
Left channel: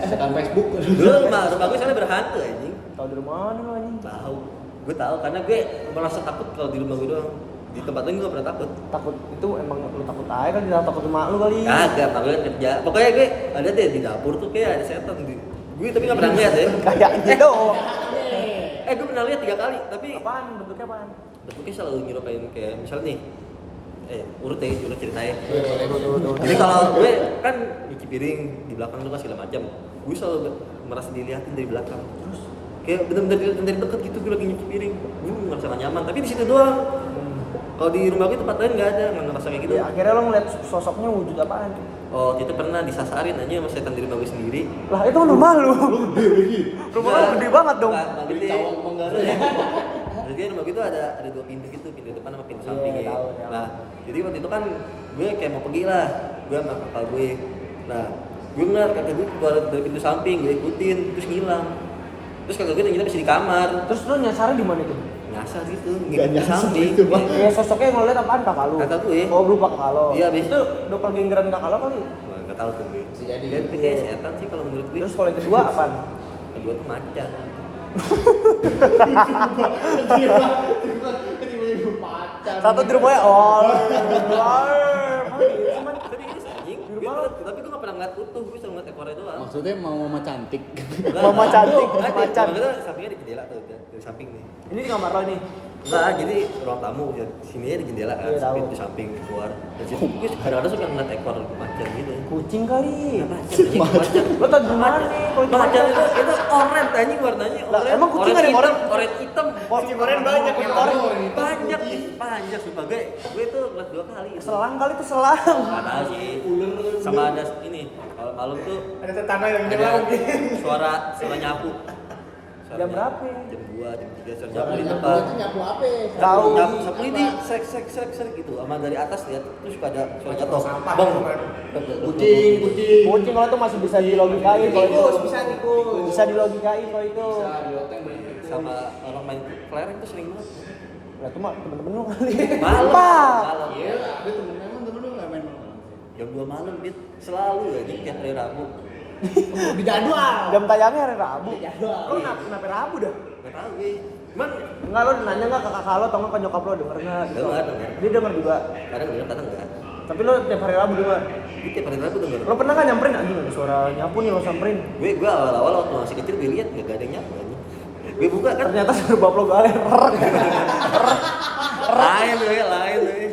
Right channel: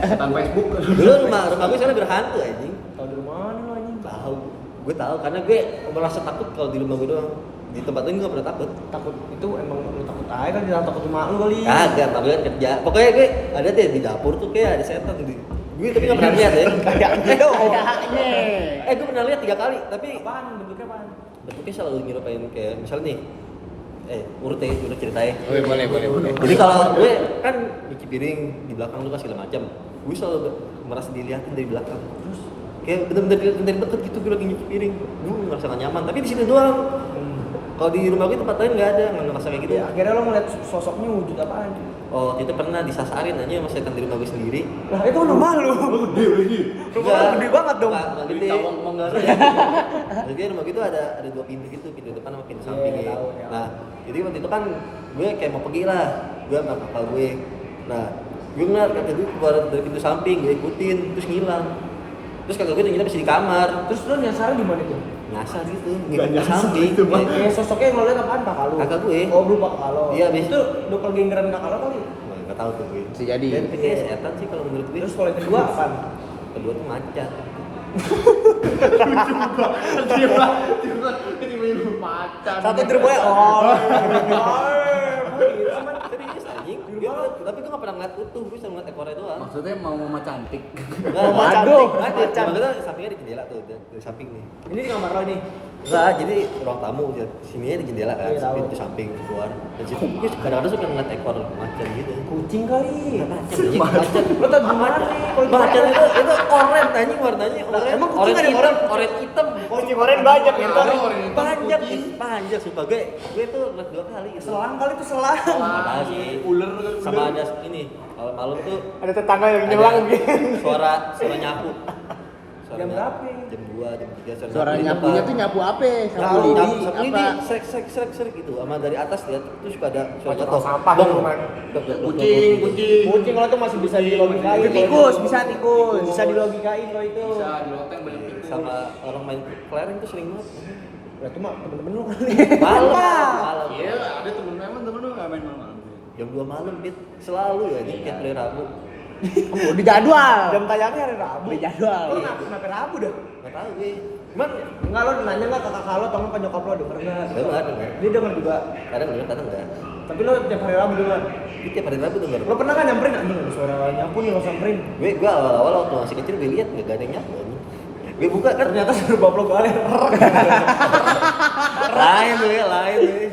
Setan Facebook. Dulu rumah gue soalnya berhantu anjing. Tahu dari mana lo anjing? Tahu. Gue tahu karena gue merasa takut kalau di rumah gue doang. Di tempat lain gue gak pernah takut. Takut itu emang lu takut aja kan, jangan takut sama lu kali. Kagak, tapi kan kerja. Pokoknya gue ada deh di dapur tuh kayak ada setan di. Gue tapi gak pernah lihat ya. Kayak gitu. Gue pernah lihat 3 kali, tapi Apaan? Bentuknya apaan? bentuknya selalu nyerupain kayak misalnya nih. Urut ceritanya. Boleh. Jadi kalau gue kan nyuci piring di belakang lu kan segala macam. Gue selalu merasa dilihatin dari belakang. Kayak bener-bener dari dekat gitu gue lagi nyuci piring. Gue merasa gak nyaman, tapi di situ doang. Kalau di rumah gue tempat lain nggak ada, nggak ngerasa kayak gitu. Ya, akhirnya lo ngeliat sosoknya wujud apaan? Oh, itu pernah disasarin aja sama setan di rumah gue sendiri. Lah itu kan rumah lu. Gede lagi. Rumah lu gede banget dong. Nggak gede. Cawang Manggarai. Jadi rumah gue tuh ada 2 pintu gitu, pintu depan sama pintu samping ya. tahu, ya. Nah, jadi waktu itu kan gue kayak mau pergi lah, gue sama kakak gue. Nah, gue ngeliat kakak gue keluar dari pintu samping, gue ikutin, terus ngilang. Terus kakak gue ternyata masih di kamar, Terus lo nyasarnya di mana tuh? nyasar gitu, Nggak ngikutin nyasar samping. itu, Bang. Ya sosoknya yang lo liat apaan kakak lu? Kakak gue. Oh berupa kakak lo. Iya, abis Itu dokter genggeran kakak lo kali. Wah, nggak tahu tuh gue. Bisa jadi. Dan itu kayak setan sih kalau menurut gue. Terus kalau yang kedua apaan? Kedua tuh macan. Tiba-tiba pacar. Satu di rumahnya. Oh. Serius anjing. Di rumah lo? Tapi gue nggak pernah ngeliat utuh, gue cuma ngeliat ekornya doang. Maksudnya mau mama cantik. Mama cantik, Ada. macan. Makanya sampingnya di jendela tuh, dari samping nih. Ini di kamar lo nih. Enggak, jadi ruang tamu sini di jendela kan, Iya, tahu. pintu samping keluar. Dan situ gue kadang-kadang suka ngeliat ekor macan gitu. Kucing kali. Nggak macan, anjing, macan. Lo tau di mana nih? Kalau di Macan mana? itu oren anjing warnanya. Lah, emang kucing ada yang hitam, oren? oren hitam. Kucing oren banyak di kamar. Banyak sumpah gue tuh ngeliat 2 kali. Selang kali tuh selang. Ada sih, ular sama ada ini. Kalau malam tuh Ada tetangga yang ada nyelang gitu. suara nyapu. Jam berapa? Jam 2, jam 3 suara Suara nyapu di nyapunya depan. tuh nyapu apa? Tahu. Sapu ini srek gitu sama dari atas lihat terus suka ada suara jatuh. sampah. Bang. Kucing. Kucing kalau tuh masih bisa dilogikain kalau itu. Tikus, bisa tikus. Bisa dilogikain kalau itu. Bisa di hotel banyak tikus. Sama orang main kelereng tuh sering banget. Lah cuma temen-temen lu kali. Malam. Apa? Malam. Iya, ada temen lu nggak main malam. Jam 2 malam Dit. Selalu ya di tiap hari Rabu. Di jadwal. Jam tayangnya hari Rabu. Di jadwal. Lo kenapa Rabu dah? Enggak tahu gue. Cuman Enggak, lo nanya enggak ke kakak lo atau enggak ke nyokap lo denger enggak? dengar. Dia denger juga. Kadang denger kadang enggak. Tapi lo tiap hari Rabu denger. Di tiap hari Rabu denger. Lo pernah kan nyamperin anjing ada suara nyapu nih lo samperin. Gue awal-awal waktu masih kecil gue lihat enggak ada yang nyapu anjing. Gue buka kan Ternyata suara bab lo galer. lain tuh.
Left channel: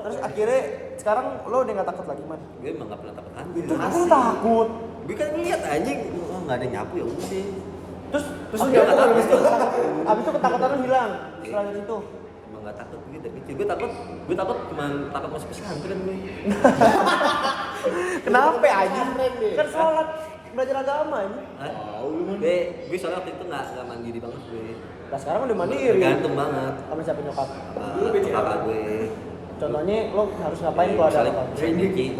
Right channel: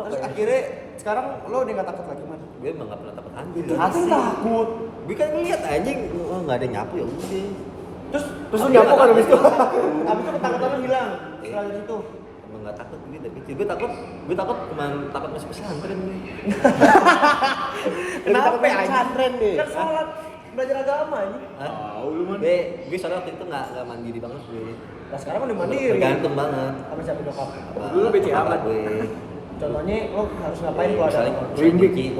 Terus akhirnya sekarang lo udah enggak takut lagi, Man? Gue emang gak pernah takut hantu. Asli takut. Gue kan ngeliat anjing, oh nggak ada yang nyapu ya udah. Terus Oh, dia nggak apa takut. habis itu? Habis itu ketakutan lo hilang. Setelah dari itu. Emang nggak takut gue dari kecil. Gue takut cuma takut masuk pesantren gue. Kenapa anjing? pesantren deh. Kan sholat belajar agama ini. Hah? Tahu lu man. Gue soalnya waktu itu nggak mandiri banget gue. Nah sekarang udah mandiri. Tergantung banget. Sama siapa nyokap? Apa gue. Contohnya lo harus ngapain kalau ada Misalnya orang? cuci,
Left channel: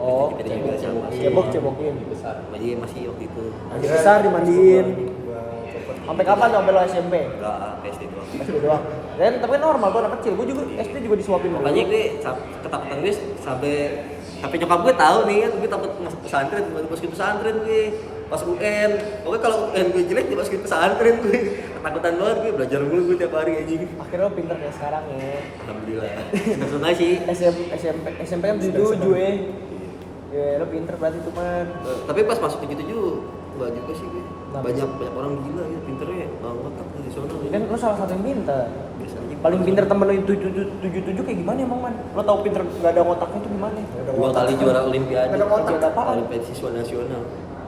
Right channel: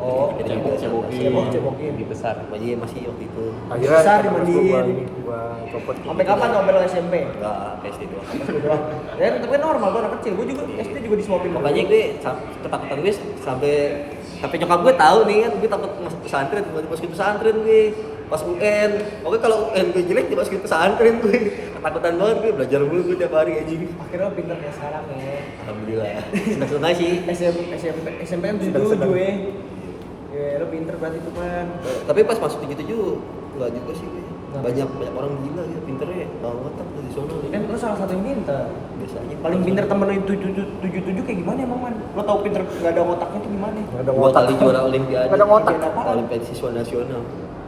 Oh, cebokin. Masih waktu itu. Besar dimandiin. Sampai kapan tuh sampai lo SMP? Enggak, PSD doang. SD doang. Ya tapi kan normal, gue anak kecil, gue juga SD juga disuapin. Pokoknya gue ketakutan gue sampai nyokap gue tahu nih kan gue takut masuk pesantren, masukin pesantren gue pas UN. Pokoknya kalau UN gue jelek dimasukin pesantren gue. Ketakutan banget gue belajar mulu gue tiap hari anjing. Akhirnya lo pinter kayak sekarang ya. Alhamdulillah. Senang sih. SMP kan 77 ya. Ya lo pinter berarti tuh man. Tapi pas masuk 77 enggak juga sih gue. Banyak orang gila ya pinternya, tahu otak di sono. Kan lo salah satu yang pinter. Biasanya Paling pinter temen lo itu 77 kayak gimana emang man? Lo tau pinter gak ada otaknya tuh gimana? 2 kali juara olimpiade. Gak ada otak apaan? Olimpiade siswa nasional.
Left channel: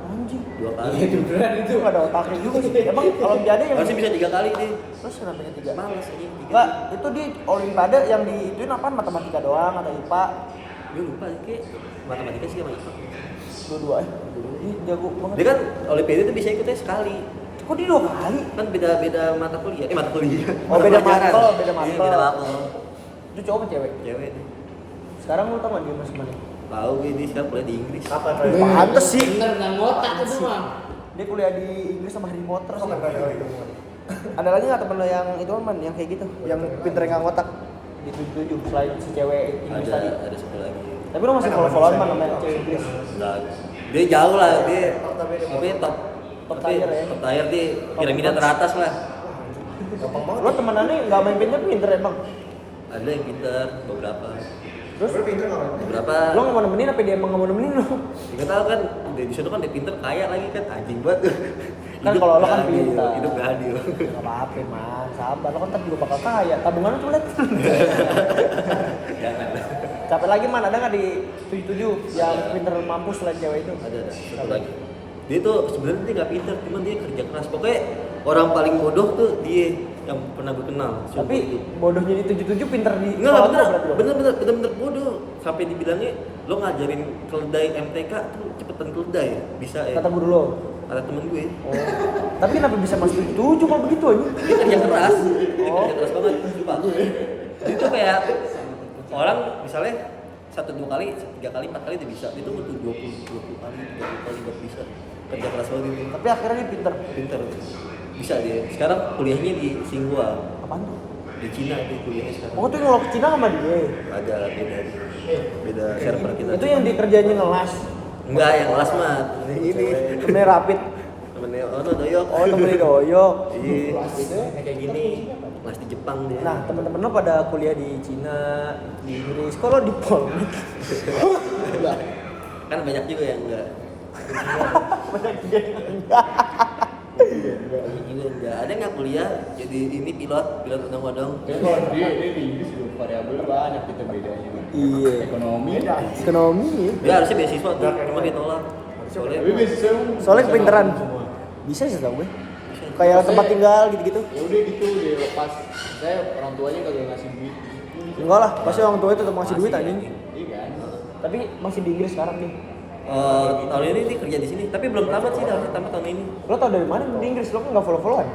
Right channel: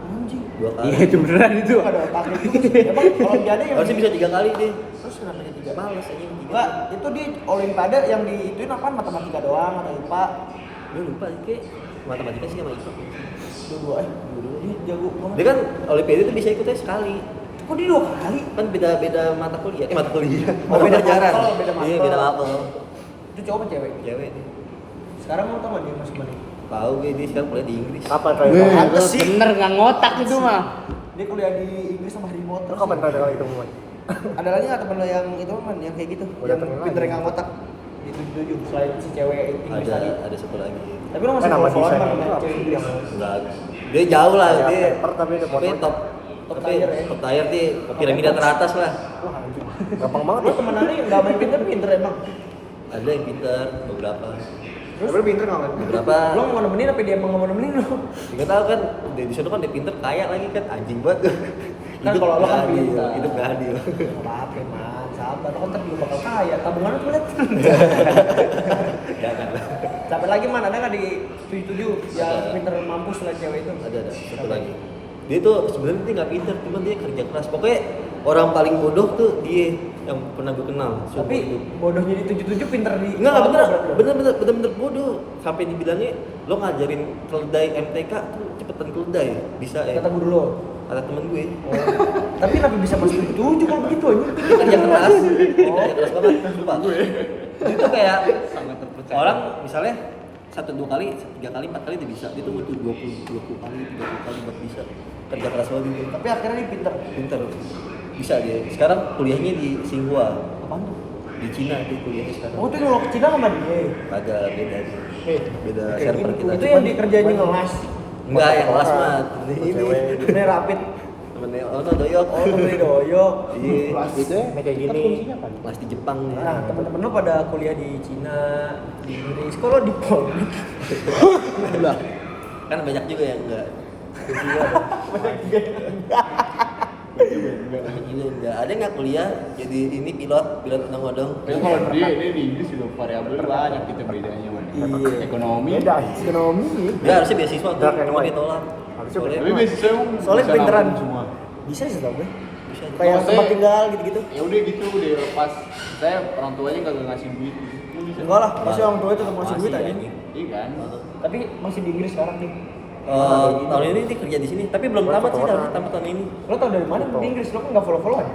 Anjing. 2 kali. Iya itu beneran itu. Itu gak ada otaknya juga sih. Emang olimpiade yang Harusnya bisa 3 kali deh. Terus kenapa ketiga? Males anjing. Enggak, itu di olimpiade yang diituin apaan? Matematika doang atau IPA? Gue lupa sih kayak matematika sih sama IPA. Dua-dua Dia jago banget. Dia kan olimpiade itu bisa ikutnya sekali. Kok dia 2 kali? Kan beda mata kuliah. Mata kuliah. Oh, beda pelajaran. mapel, beda Iya, mapel. beda mapel. Itu cowok apa cewek? Cewek deh. Sekarang lu tau gak dia masuk mana? Tahu gue dia sekarang kuliah di Inggris. Apa tadi? Pantes sih. Bener nggak ngotak itu mah. Dia kuliah di Inggris sama Harry Potter. Ada lagi nggak temen lo yang itu man, yang kayak gitu, yang pinter nggak ngotak di 77 selain si cewek Inggris tadi? Ada satu lagi. Tapi lo masih follow-followan man sama yang cewek Inggris? Enggak. Dia jauh lah, dia apa ya, top tier ya? Top tier dia piramida teratas lah. Gampang banget. Lo temenannya nggak main pinter emang? Ada yang pinter, beberapa. Terus? Beberapa. Lo nggak mau nemenin apa dia emang nggak mau nemenin lo? Nggak tahu kan, di sana kan dia pinter kaya lagi kan, anjing banget. Kan kalau lo kan pinter. Hidup gak adil. Gak apa-apa man, sabar. Lo kan ntar juga bakal kaya. Tabungannya tuh liat. Jangan. Capek lagi man, ada nggak di 77 yang pinter mampus lah cewek itu? Ada satu lagi. Dia tuh sebenarnya dia nggak pinter, cuman dia kerja keras. Pokoknya orang paling bodoh tuh dia yang pernah gue kenal. Tapi bodohnya di 77 pinter di Enggak bener, berarti lo? bener bodoh. Sampai dibilangnya lo ngajarin keledai MTK tuh cepetan keledai, bisa ya. Kata guru lo. Kata temen gue. Oh. Tapi kenapa bisa masuk 77 kalau begitu aja? Dia kerja keras. Oh. Kerja keras banget, sumpah. Itu kayak orang misalnya 1-2 kali, 3 kali, 4 kali dia bisa. Dia tuh butuh 20 kali, 30 kali buat bisa. Kerja keras banget gitu. Tapi akhirnya dia pinter. Pinter. Bisa dia. Sekarang kuliahnya di Tsinghua. Apaan tuh? Di Cina dia kuliahnya sekarang. Oh tuh yang lo ke Cina sama dia? Ada beda dia. Beda server kita. Itu yang dikerjainnya ngelas. Enggak, yang kelas mat. Ini. Ini rapid. Temennya Ono Doyok. Oh temennya doyok. Iya. Ini kayak gini. Kelas di Jepang dia. Nah teman-teman lo pada kuliah di Cina, di Inggris. Kok lo di Polri? Kan banyak juga yang enggak. Banyak juga yang enggak. Banyak juga yang enggak. Ada nggak kuliah jadi ini pilot odong-odong. Tapi kalau dia ini di Inggris juga variabelnya banyak kita bedanya man. Iya. Ekonomi. Ekonomi. Dia harusnya beasiswa tuh, cuma dia tolak. Soalnya Tapi biasanya emang Soalnya bisa pinteran ngapain semua. Bisa sih tau gue. bisa. Kayak tempat tinggal gitu-gitu. Ya udah gitu udah lepas. Saya orang tuanya kagak ngasih duit. Enggak lah, pasti orang tua itu tetap ngasih duit aja. Iya kan. Tapi masih di Inggris sekarang nih. Tahun ini dia kerja di sini, tapi belum tamat sih, harusnya tamat tahun ini. Lo tau dari mana di Inggris? Lo kan nggak follow-followan.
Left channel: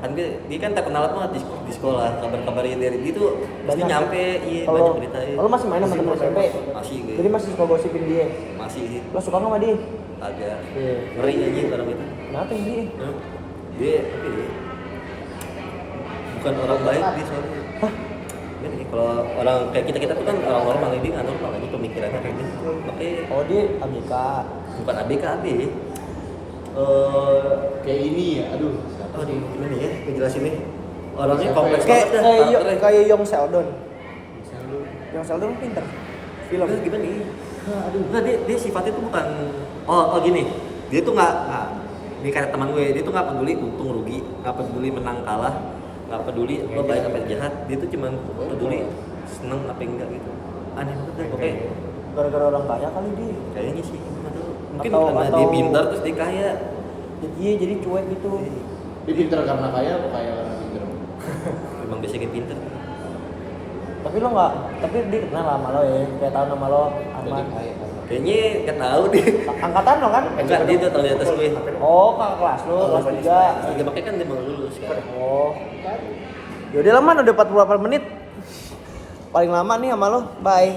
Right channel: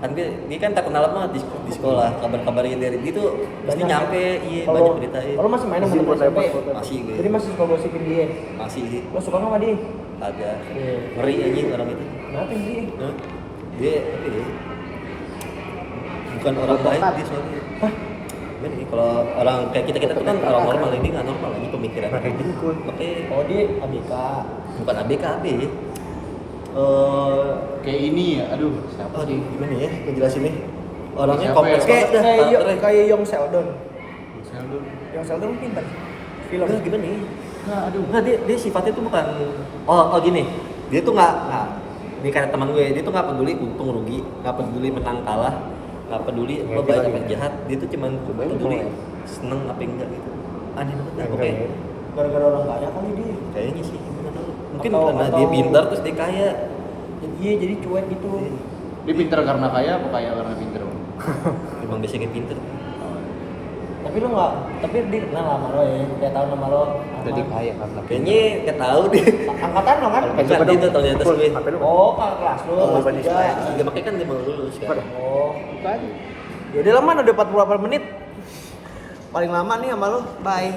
Kan dia kan terkenal banget di sekolah, kabar-kabarnya dari dia tuh pasti Banyak. nyampe, iya Kalau banyak beritain. lo masih main sama temen SMP? Masih gue. Jadi masih suka gosipin dia. Masih sih, Lo suka nggak sama dia? agak Iya. ngeri anjing orang itu. Kenapa yang dia? Hah? Dia tapi dia bukan orang baik dia soalnya. Hah? Gimana ya, kalau orang kayak kita tuh kan orang normal, ini nggak normal aja pemikirannya kayak gitu. Makanya Oh dia ABK. bukan ABK AB. Kayak ini ya, aduh siapa Aduh, sih? gimana ya ngejelasinnya? Orangnya Siapa kompleks ya? banget dah karakternya. Kayak Yong Sheldon. Siapa? Yong Sheldon pinter. Film. Enggak gimana nih? Enggak dia sifatnya tuh bukan gini. Dia tuh nggak ini kata teman gue, dia tuh nggak peduli untung rugi, nggak peduli menang kalah, nggak peduli lo baik apa jahat, dia tuh cuman peduli seneng apa enggak gitu. Aneh banget dah pokoknya. Gara-gara orang kaya kali dia. Kayaknya sih nggak tahu. Mungkin Atau- karena atau- dia pintar terus dia kaya. Jadi cuek gitu. Dia pinter karena kaya apa kaya karena pinter? Emang biasanya pintar. Tapi lo nggak, tapi dia kenal sama lo ya, kayak tahu nama lo Jadi Ahmad. kaya karena Kayaknya nggak tahu deh. Angkatan lo kan? Enggak dia tuh tahun di atas gue. Oh, kakak kelas lo, kelas 3. Dia makanya kan dia mau lulus sekarang. Oh. Yaudah lah man, udah 48 menit. Paling lama nih sama lo, bye.